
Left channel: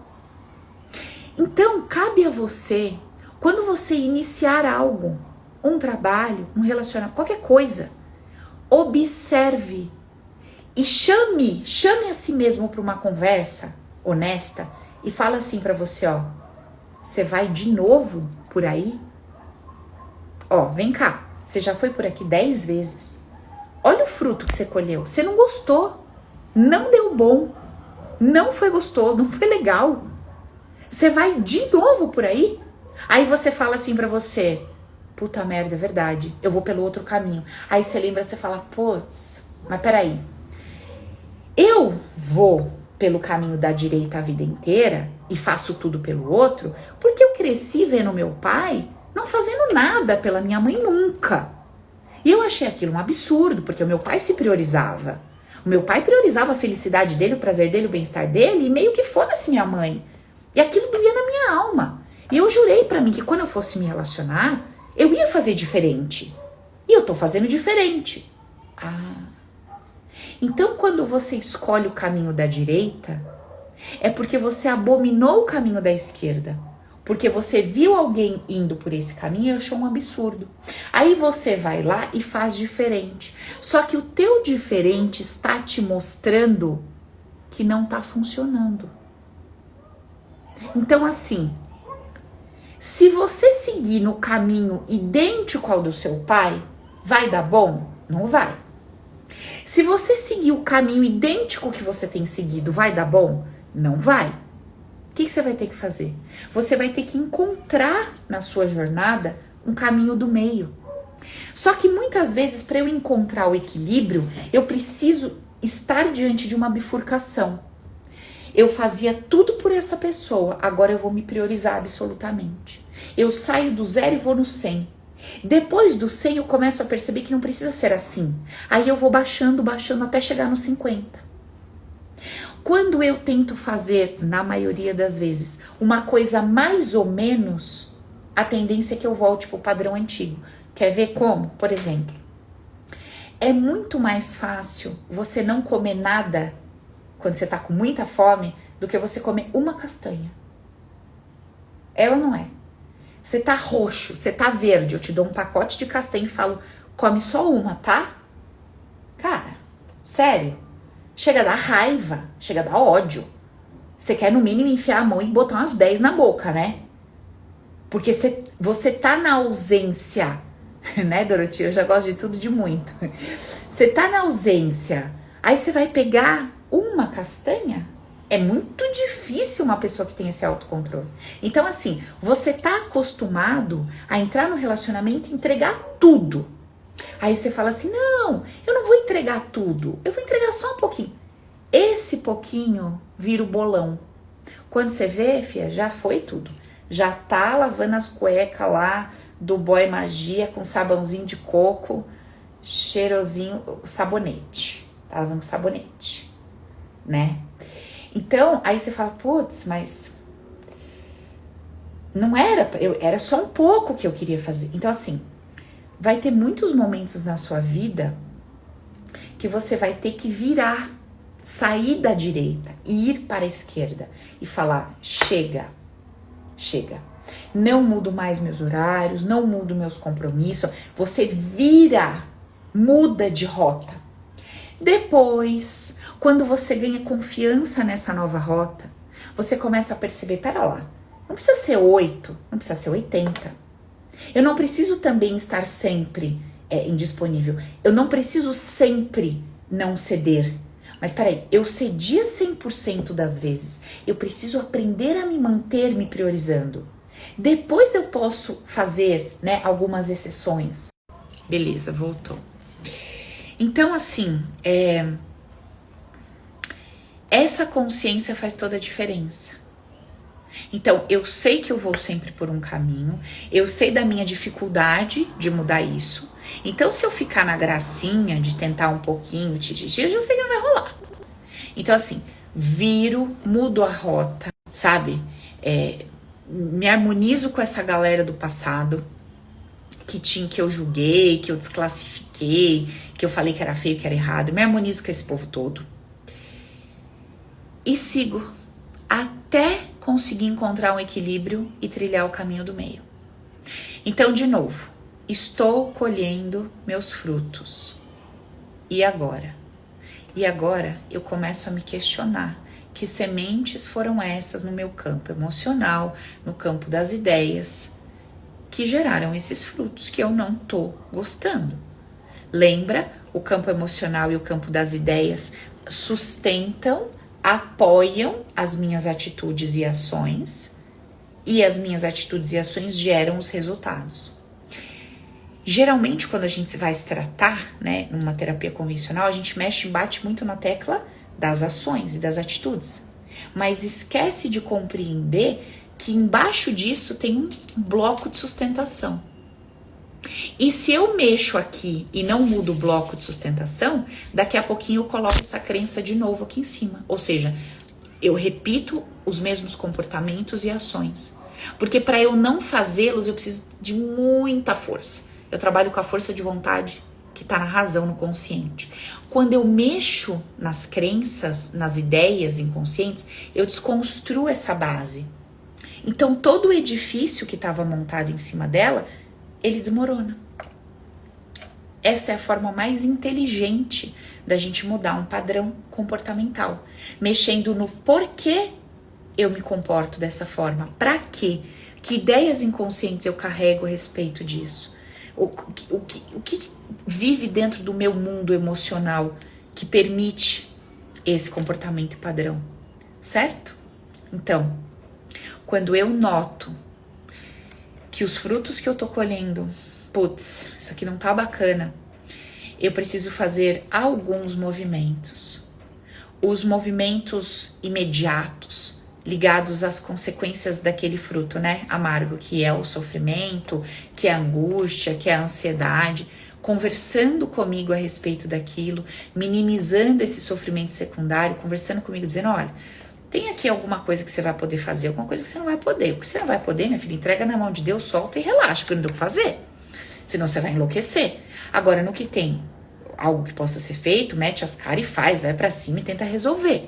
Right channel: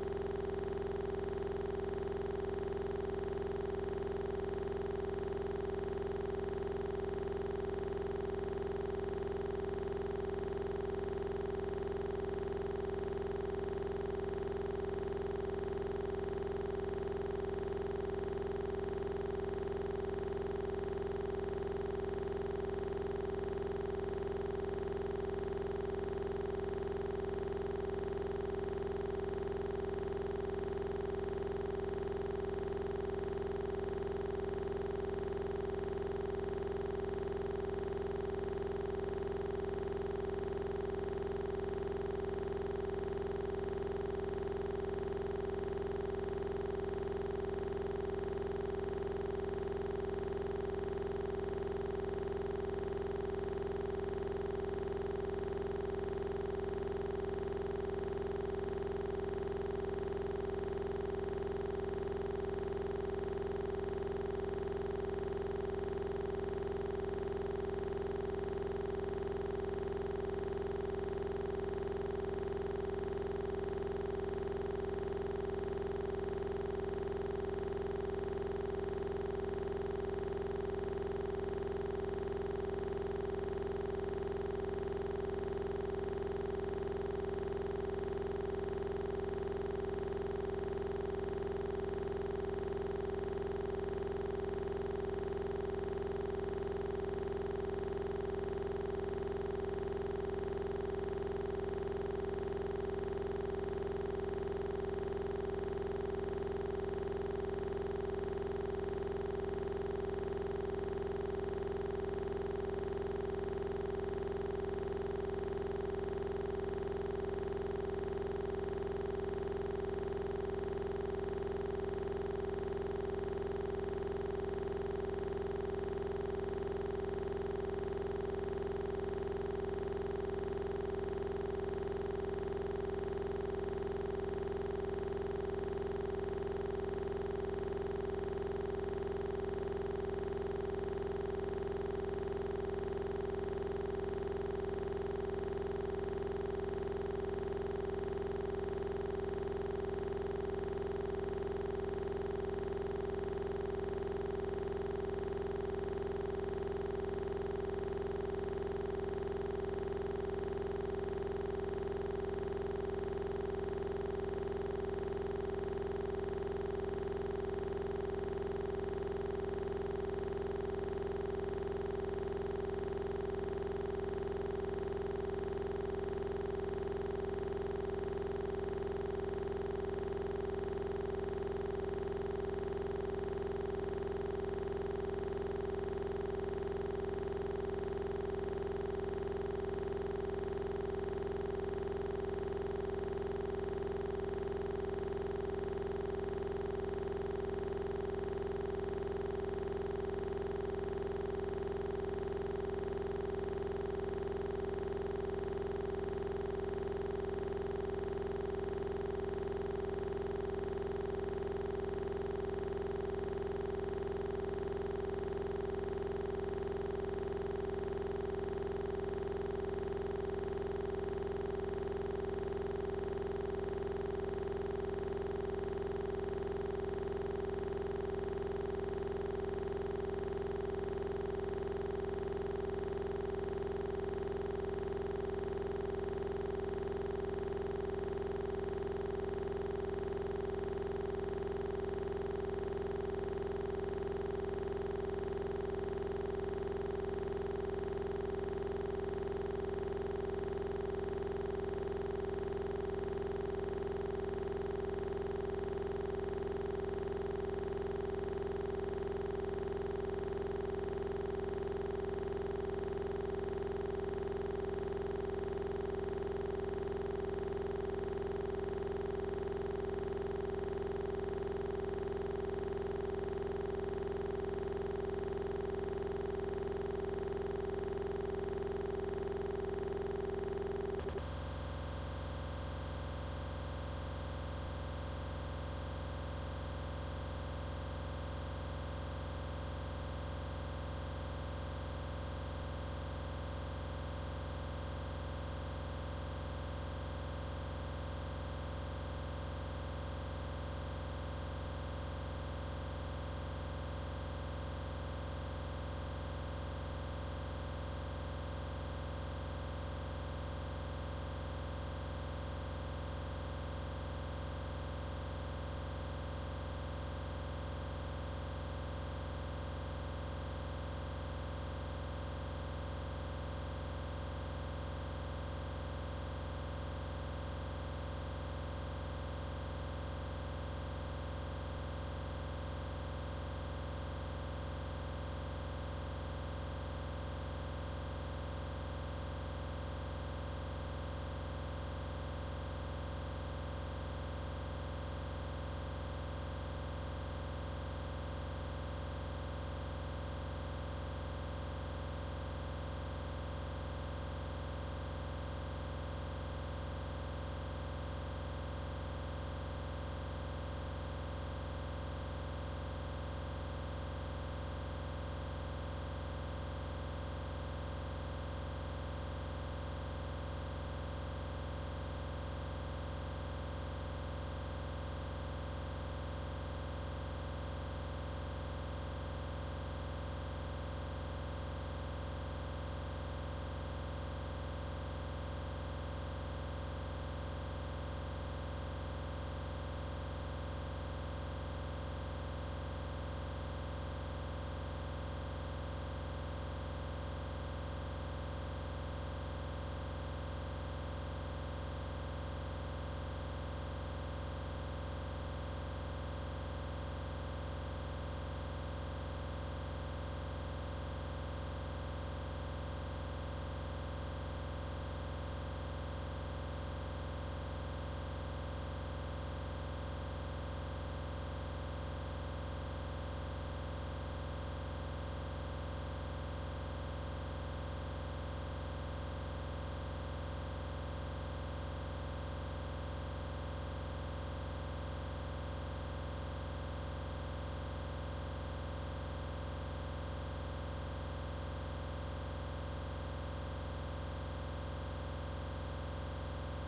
Então, cabe a você, quando você iniciar algo, um trabalho, um relacionamento, qualquer coisa, observe e chame a si mesmo para uma conversa honesta e fala assim para você, ó: você vai de novo por aí? Ó, vem cá, você já foi por aqui 10 vezes. Olha o fruto que você colheu. Você não gostou, não deu bom, não foi gostoso, não foi legal. Você vai de novo por aí? Aí você fala assim pra você: puta merda, é verdade, eu vou pelo outro caminho. Aí você lembra, você fala: putz, mas peraí, eu vou pelo caminho da direita a vida inteira e faço tudo pelo outro porque eu cresci vendo meu pai não fazendo nada pela minha mãe nunca. E eu achei aquilo um absurdo, porque o meu pai se priorizava. O meu pai priorizava a felicidade dele, o prazer dele, o bem-estar dele, e meio que foda-se minha mãe. E aquilo doía na minha alma. E eu jurei pra mim que quando eu fosse me relacionar, eu ia fazer diferente. E eu tô fazendo diferente. Então, quando você escolhe o caminho da direita, é porque você abominou o caminho da esquerda. Porque você viu alguém indo por esse caminho e achou um absurdo. Aí você vai lá e faz diferente. Só que o teu diferente está te mostrando que não tá funcionando. Então, assim, se você seguir no caminho idêntico ao do seu pai, vai dar bom? Não vai. Se você seguir o caminho idêntico que você tem seguido, vai dar bom? Não vai. O que você vai ter que fazer? Você vai ter que encontrar na sua jornada um caminho do meio. Só que muitas vezes, para eu encontrar o equilíbrio, eu preciso estar diante de uma bifurcação. Eu fazia tudo por essa pessoa, agora eu vou me priorizar absolutamente. Eu saio do 0 e vou no 100. Depois do 100 eu começo a perceber que não precisa ser assim. Aí eu vou baixando até chegar no 50. Quando eu tento fazer, na maioria das vezes, uma coisa mais ou menos, a tendência é que eu volte pro padrão antigo. Quer ver como? Por exemplo, é muito mais fácil você não comer nada quando você tá com muita fome do que você comer uma castanha. É ou não é? Você tá roxo, você tá verde, eu te dou um pacote de castanha e falo, come só uma, tá? Cara, sério, chega a dar raiva, chega a dar ódio. Você quer no mínimo enfiar a mão e botar umas 10 na boca, né? Porque você tá na ausência, né, Dorotinha? Eu já gosto de tudo de muito. Você tá na ausência, aí você vai pegar uma castanha? É muito difícil uma pessoa que tem esse autocontrole. Então, assim, você tá acostumado a entrar no relacionamento e entregar tudo. Aí você fala assim, não, eu não vou entregar tudo, eu vou entregar só um pouquinho. Esse pouquinho vira o bolão. Quando você vê, fia, já foi tudo. Já tá lavando as cuecas lá do Boy Magia com sabãozinho de coco, cheirosinho, sabonete. Tá lavando sabonete, né? Então, aí você fala, putz, mas não era, era só um pouco que eu queria fazer. Então, assim, vai ter muitos momentos na sua vida que você vai ter que virar, sair da direita e ir para a esquerda e falar, chega. Não mudo mais meus horários, não mudo meus compromissos. Você vira, muda de rota. Depois, quando você ganha confiança nessa nova rota, você começa a perceber, pera lá, não precisa ser 8, não precisa ser 80. Eu não preciso também estar sempre indisponível. Eu não preciso sempre não ceder. Mas peraí, eu cedia 100% das vezes. Eu preciso aprender a me manter me priorizando. Depois eu posso fazer, né, algumas exceções. Beleza, voltou. Então, assim, essa consciência faz toda a diferença. Então, eu sei que eu vou sempre por um caminho, eu sei da minha dificuldade de mudar isso. Então, se eu ficar na gracinha de tentar um pouquinho, eu já sei que não vai rolar. Então, assim, viro, mudo a rota, sabe? Me harmonizo com essa galera do passado, que eu julguei, que eu desclassifiquei, que eu falei que era feio, que era errado. Me harmonizo com esse povo todo. E sigo até conseguir encontrar um equilíbrio e trilhar o caminho do meio. Então, de novo, estou colhendo meus frutos. E agora? E agora eu começo a me questionar que sementes foram essas no meu campo emocional, no campo das ideias, que geraram esses frutos que eu não tô gostando. Lembra? O campo emocional e o campo das ideias sustentam, apoiam as minhas atitudes e ações, e as minhas atitudes e ações geram os resultados. Geralmente, quando a gente vai se tratar, né, numa terapia convencional, a gente mexe e bate muito na tecla das ações e das atitudes, mas esquece de compreender que embaixo disso tem um bloco de sustentação. E se eu mexo aqui e não mudo o bloco de sustentação, daqui a pouquinho eu coloco essa crença de novo aqui em cima. Ou seja, eu repito os mesmos comportamentos e ações. Porque para eu não fazê-los, eu preciso de muita força. Eu trabalho com a força de vontade que está na razão, no consciente. Quando eu mexo nas crenças, nas ideias inconscientes, eu desconstruo essa base. Então, todo o edifício que estava montado em cima dela, ele desmorona. Essa é a forma mais inteligente da gente mudar um padrão comportamental. Mexendo no porquê eu me comporto dessa forma. Para quê? Que ideias inconscientes eu carrego a respeito disso? O que vive dentro do meu mundo emocional que permite esse comportamento padrão? Certo? Então, quando eu noto que os frutos que eu tô colhendo, putz, isso aqui não tá bacana, eu preciso fazer alguns movimentos. Os movimentos imediatos, ligados às consequências daquele fruto, né, amargo, que é o sofrimento, que é a angústia, que é a ansiedade, conversando comigo a respeito daquilo, minimizando esse sofrimento secundário, conversando comigo, dizendo, olha, tem aqui alguma coisa que você vai poder fazer, alguma coisa que você não vai poder. O que você não vai poder, minha filha, entrega na mão de Deus, solta e relaxa, porque eu não deu o que fazer. Senão você vai enlouquecer. Agora, no que tem algo que possa ser feito, mete as caras e faz, vai pra cima e tenta resolver.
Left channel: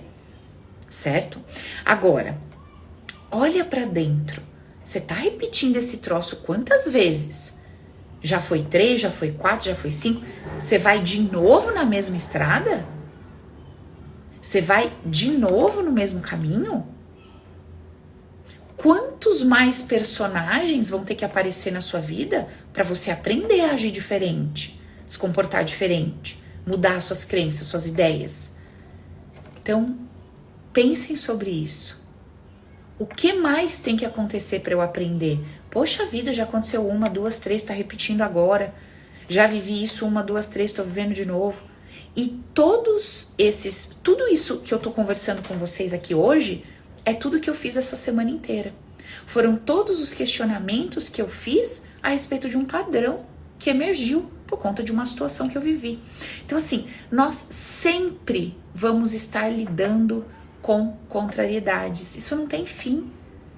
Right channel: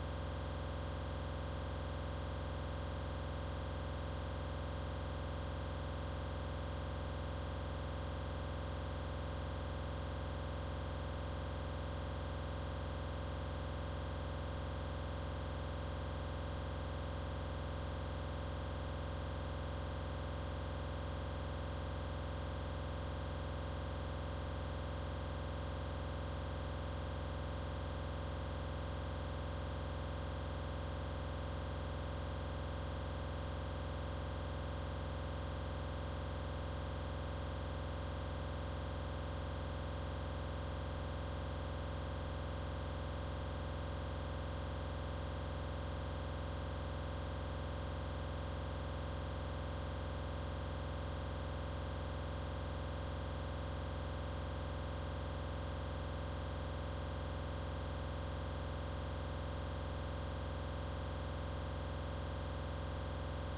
Certo? Agora, olha pra dentro. Você tá repetindo esse troço quantas vezes? Já foi 3, já foi 4, já foi 5? Você vai de novo na mesma estrada? Você vai de novo no mesmo caminho? Quantos mais personagens vão ter que aparecer na sua vida para você aprender a agir diferente, se comportar diferente, mudar suas crenças, suas ideias? Então, pensem sobre isso. O que mais tem que acontecer para eu aprender? Poxa vida, já aconteceu 1, 2, 3, tá repetindo agora. Já vivi isso 1, 2, 3, tô vivendo de novo. E tudo isso que eu tô conversando com vocês aqui hoje, é tudo que eu fiz essa semana inteira. Foram todos os questionamentos que eu fiz a respeito de um padrão que emergiu por conta de uma situação que eu vivi. Então, assim, nós sempre vamos estar lidando com contrariedades. Isso não tem fim.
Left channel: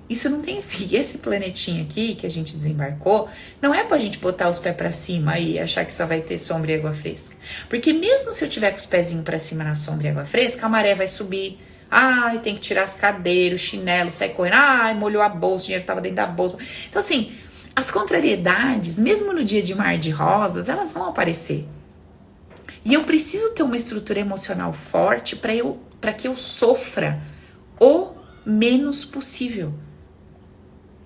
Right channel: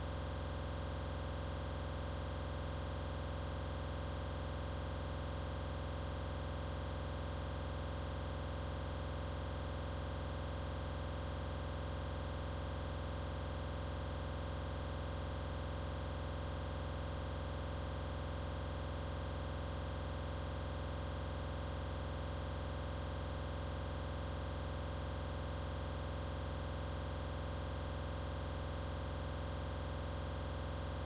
Isso não tem fim. Esse planetinha aqui que a gente desembarcou, não é pra gente botar os pés pra cima e achar que só vai ter sombra e água fresca. Porque mesmo se eu tiver com os pezinhos pra cima na sombra e água fresca, a maré vai subir. Ai, tem que tirar as cadeiras, o chinelo, sair correndo. Ai, molhou a bolsa, o dinheiro tava dentro da bolsa. Então, assim, as contrariedades, mesmo no dia de mar de rosas, elas vão aparecer. E eu preciso ter uma estrutura emocional forte para que eu sofra o menos possível.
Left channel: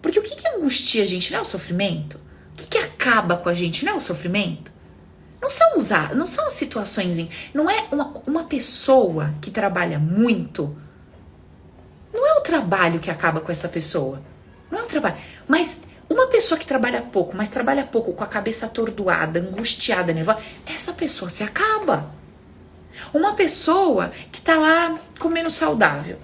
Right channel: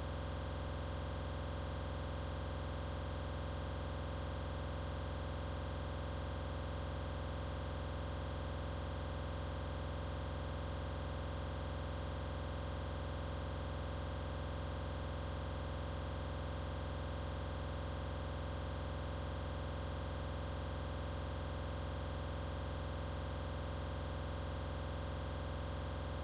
Porque o que angustia a gente? Não é o sofrimento? O que acaba com a gente? Não é o sofrimento? Não são as situações. Não é uma pessoa que trabalha muito. Não é o trabalho que acaba com essa pessoa. Não é o trabalho. Mas uma pessoa que trabalha pouco, mas trabalha pouco com a cabeça atordoada, angustiada, nervosa, essa pessoa se acaba. Uma pessoa que tá lá comendo saudável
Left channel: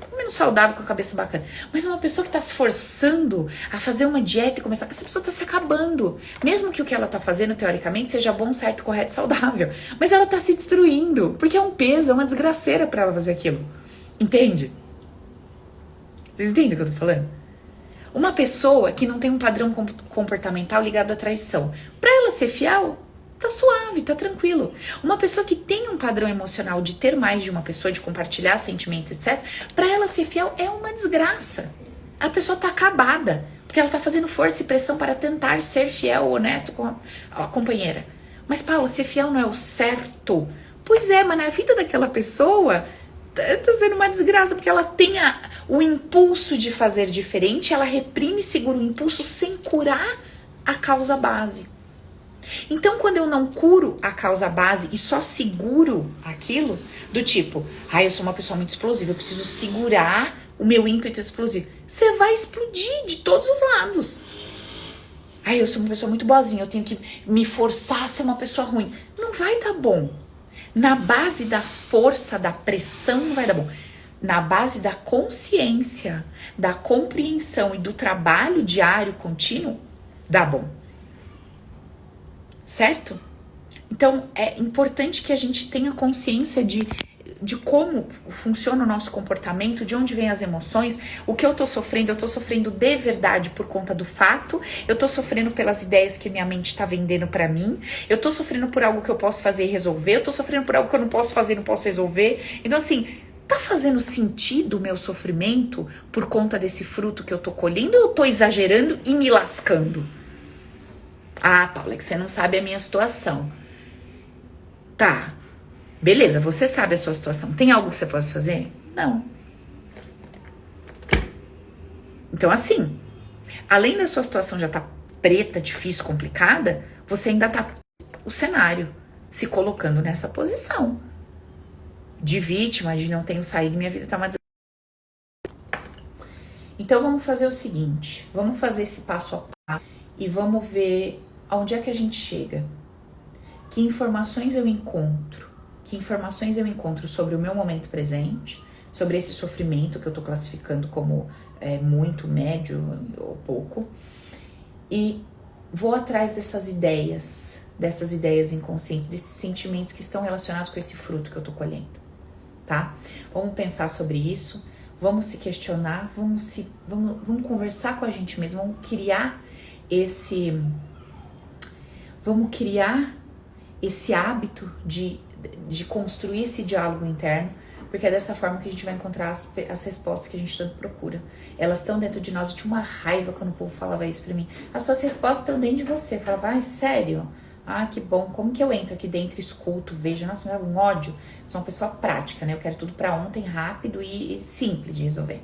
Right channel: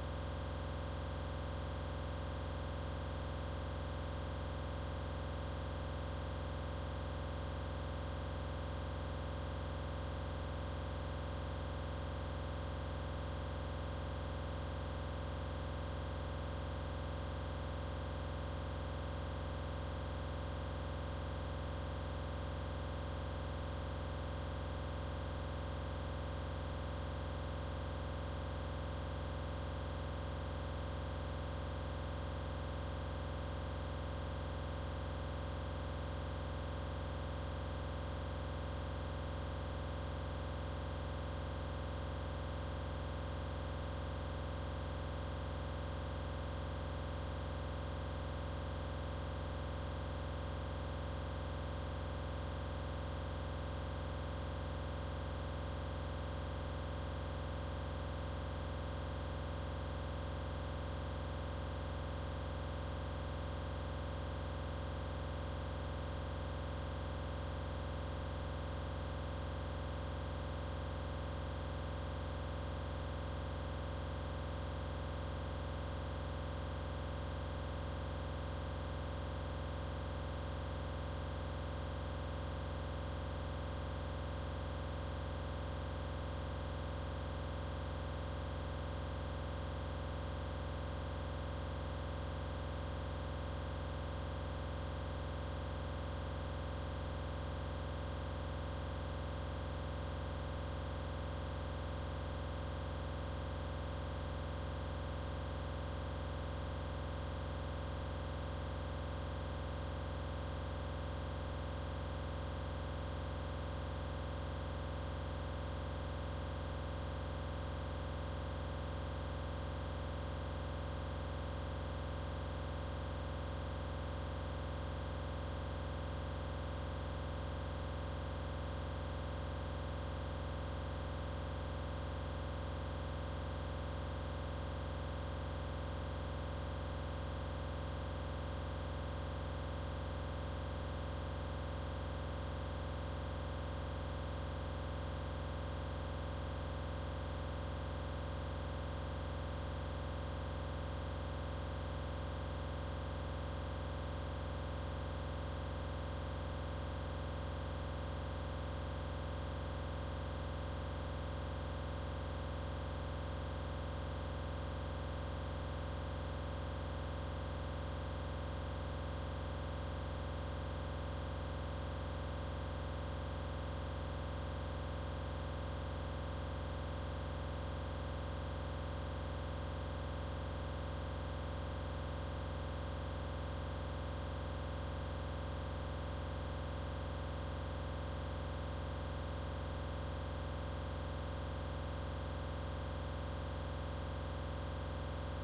com a cabeça bacana, mas uma pessoa que tá se forçando a fazer uma dieta e começar, essa pessoa tá se acabando. Mesmo que o que ela tá fazendo, teoricamente, seja bom, certo, correto, saudável, mas ela tá se destruindo, porque é um peso, é uma desgraceira pra ela fazer aquilo. Entende? Vocês entendem o que eu tô falando? Uma pessoa que não tem um padrão comportamental ligado à traição, pra ela ser fiel, tá suave, tá tranquilo. Uma pessoa que tem um padrão emocional de ter mais de uma pessoa, de compartilhar sentimentos, etc., pra ela ser fiel é uma desgraça. A pessoa tá acabada, porque ela tá fazendo força e pressão para tentar ser fiel, honesto com a companheira. Mas, Paula, ser fiel não é o certo? Pois é, mas na vida daquela pessoa tá sendo uma desgraça, porque ela tem o impulso de fazer diferente, ela reprime e segura o impulso sem curar a causa base. Então, quando eu não curo a causa base e só seguro aquilo, do tipo, eu sou uma pessoa muito explosiva, eu preciso segurar o meu ímpeto explosivo, você vai explodir de todos os lados. Eu sou uma pessoa muito boazinha, eu tenho que me forçar a ser uma pessoa ruim. Não vai dar bom. Na base da força, da pressão, não vai dar bom. Na base da consciência, da compreensão e do trabalho diário, contínuo, dá bom. certo? Então, é importante que a gente tenha consciência de como funciona o nosso comportamento, de onde vem as emoções, o que eu tô sofrendo de verdade por conta do fato, eu tô sofrendo pelas ideias que minha mente tá vendendo pra mim, eu tô sofrendo por algo que eu posso fazer e resolver, eu tô sofrendo por algo que eu não posso fazer e não posso resolver. Então, assim, tá fazendo sentido o meu sofrimento por conta desse fruto que eu tô colhendo ou eu tô exagerando e me lascando? Ah, Paula, é que você não sabe a minha situação. Tá, beleza, você sabe a sua situação. Tem algo que você possa fazer? Não. Então, assim, além da sua situação já tá preta, difícil, complicada, você ainda tá o cenário se colocando nessa posição de vítima, de não tenho saído, minha vida tá uma Então, vamos fazer o seguinte, vamos fazer esse passo a passo e vamos ver aonde é que a gente chega. Que informações eu encontro? Que informações eu encontro sobre o meu momento presente, sobre esse sofrimento que eu tô classificando como muito, médio ou pouco, e vou atrás dessas ideias inconscientes, desses sentimentos que estão relacionados com esse fruto que eu tô colhendo, tá? Vamos pensar sobre isso, vamos se questionar, vamos conversar com a gente mesmo, vamos criar esse hábito de construir esse diálogo interno, porque é dessa forma que a gente vai encontrar as respostas que a gente tanto procura. Elas estão dentro de nós. Eu tinha uma raiva quando o povo falava isso pra mim. As suas respostas estão dentro de você. Eu falava, ai, sério? Ah, que bom. Como que eu entro aqui dentro, escuto, vejo? Nossa, me dá um ódio. Sou uma pessoa prática, né? Eu quero tudo pra ontem, rápido e simples de resolver.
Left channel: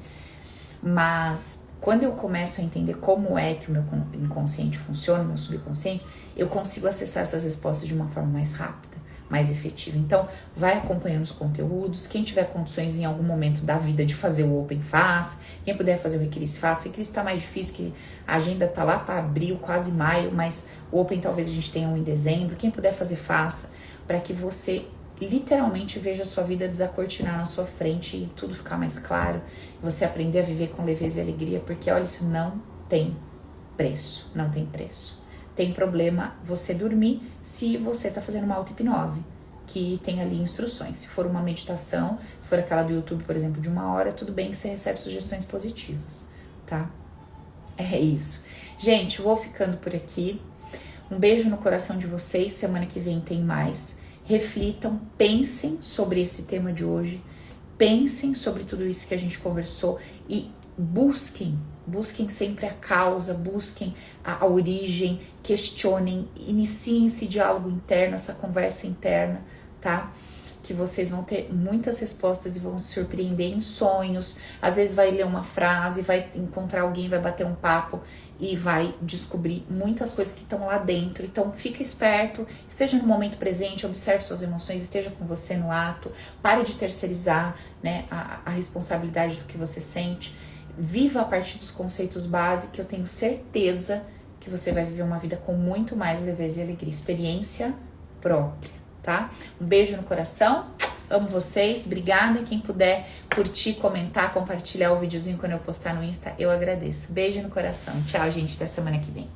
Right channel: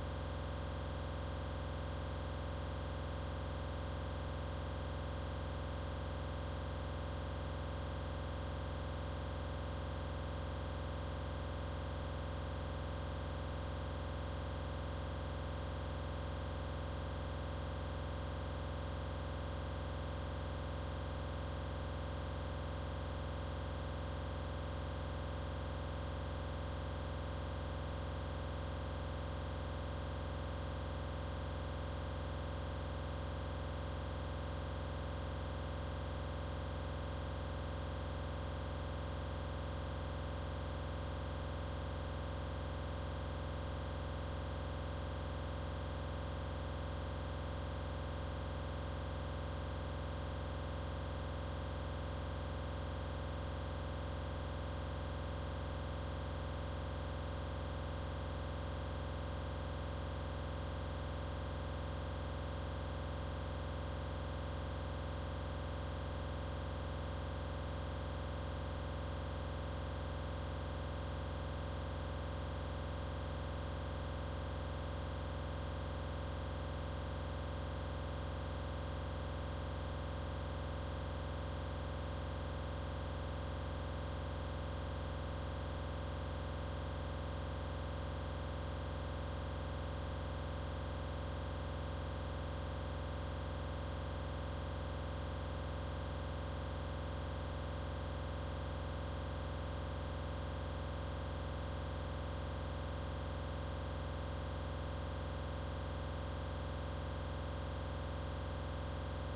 Mas quando eu começo a entender como é que o meu inconsciente funciona, o meu subconsciente, eu consigo acessar essas respostas de uma forma mais rápida, mais efetiva. Então, vai acompanhando os conteúdos. Quem tiver condições em algum momento da vida de fazer o Open, faz. Quem puder fazer o Requiris, faça. O Requiris tá mais difícil, que a agenda tá lá para abril, quase maio, mas o Open talvez a gente tenha um em dezembro. Quem puder fazer, faça, para que você literalmente veja a sua vida desacortinar na sua frente e tudo ficar mais claro. Você aprender a viver com leveza e alegria, porque olha, isso não tem preço, não tem preço. Tem problema você dormir se você tá fazendo uma auto-hipnose, que tem ali instruções. Se for uma meditação, se for aquela do YouTube, por exemplo, de 1 hora, tudo bem que você recebe sugestões positivas, tá? É isso. Gente, eu vou ficando por aqui. Um beijo no coração de vocês. Semana que vem tem mais. Reflitam, pensem sobre esse tema de hoje. Pensem sobre tudo isso que a gente conversou e busquem sempre a causa, busquem a origem, questionem, iniciem esse diálogo interno, essa conversa interna, tá? Que vocês vão ter muitas respostas e vão se surpreender em sonhos. Às vezes vai ler uma frase, vai encontrar alguém, vai bater um papo e vai descobrir muitas coisas que estão lá dentro. Então, fica esperto, esteja no momento presente, observe suas emoções, esteja com você no ato, pare de terceirizar, né, a responsabilidade do que você sente. Viva a partir dos conceitos básicos, que eu tenho certeza que você vai viver uma vida com muito mais leveza e alegria, experiência própria, tá? Um beijo no coração, amo vocês, obrigada. Quem puder curtir, comentar, compartilhar o videozinho quando eu postar no Insta, eu agradeço. Beijo no coração, tchau, gente, até semana que vem.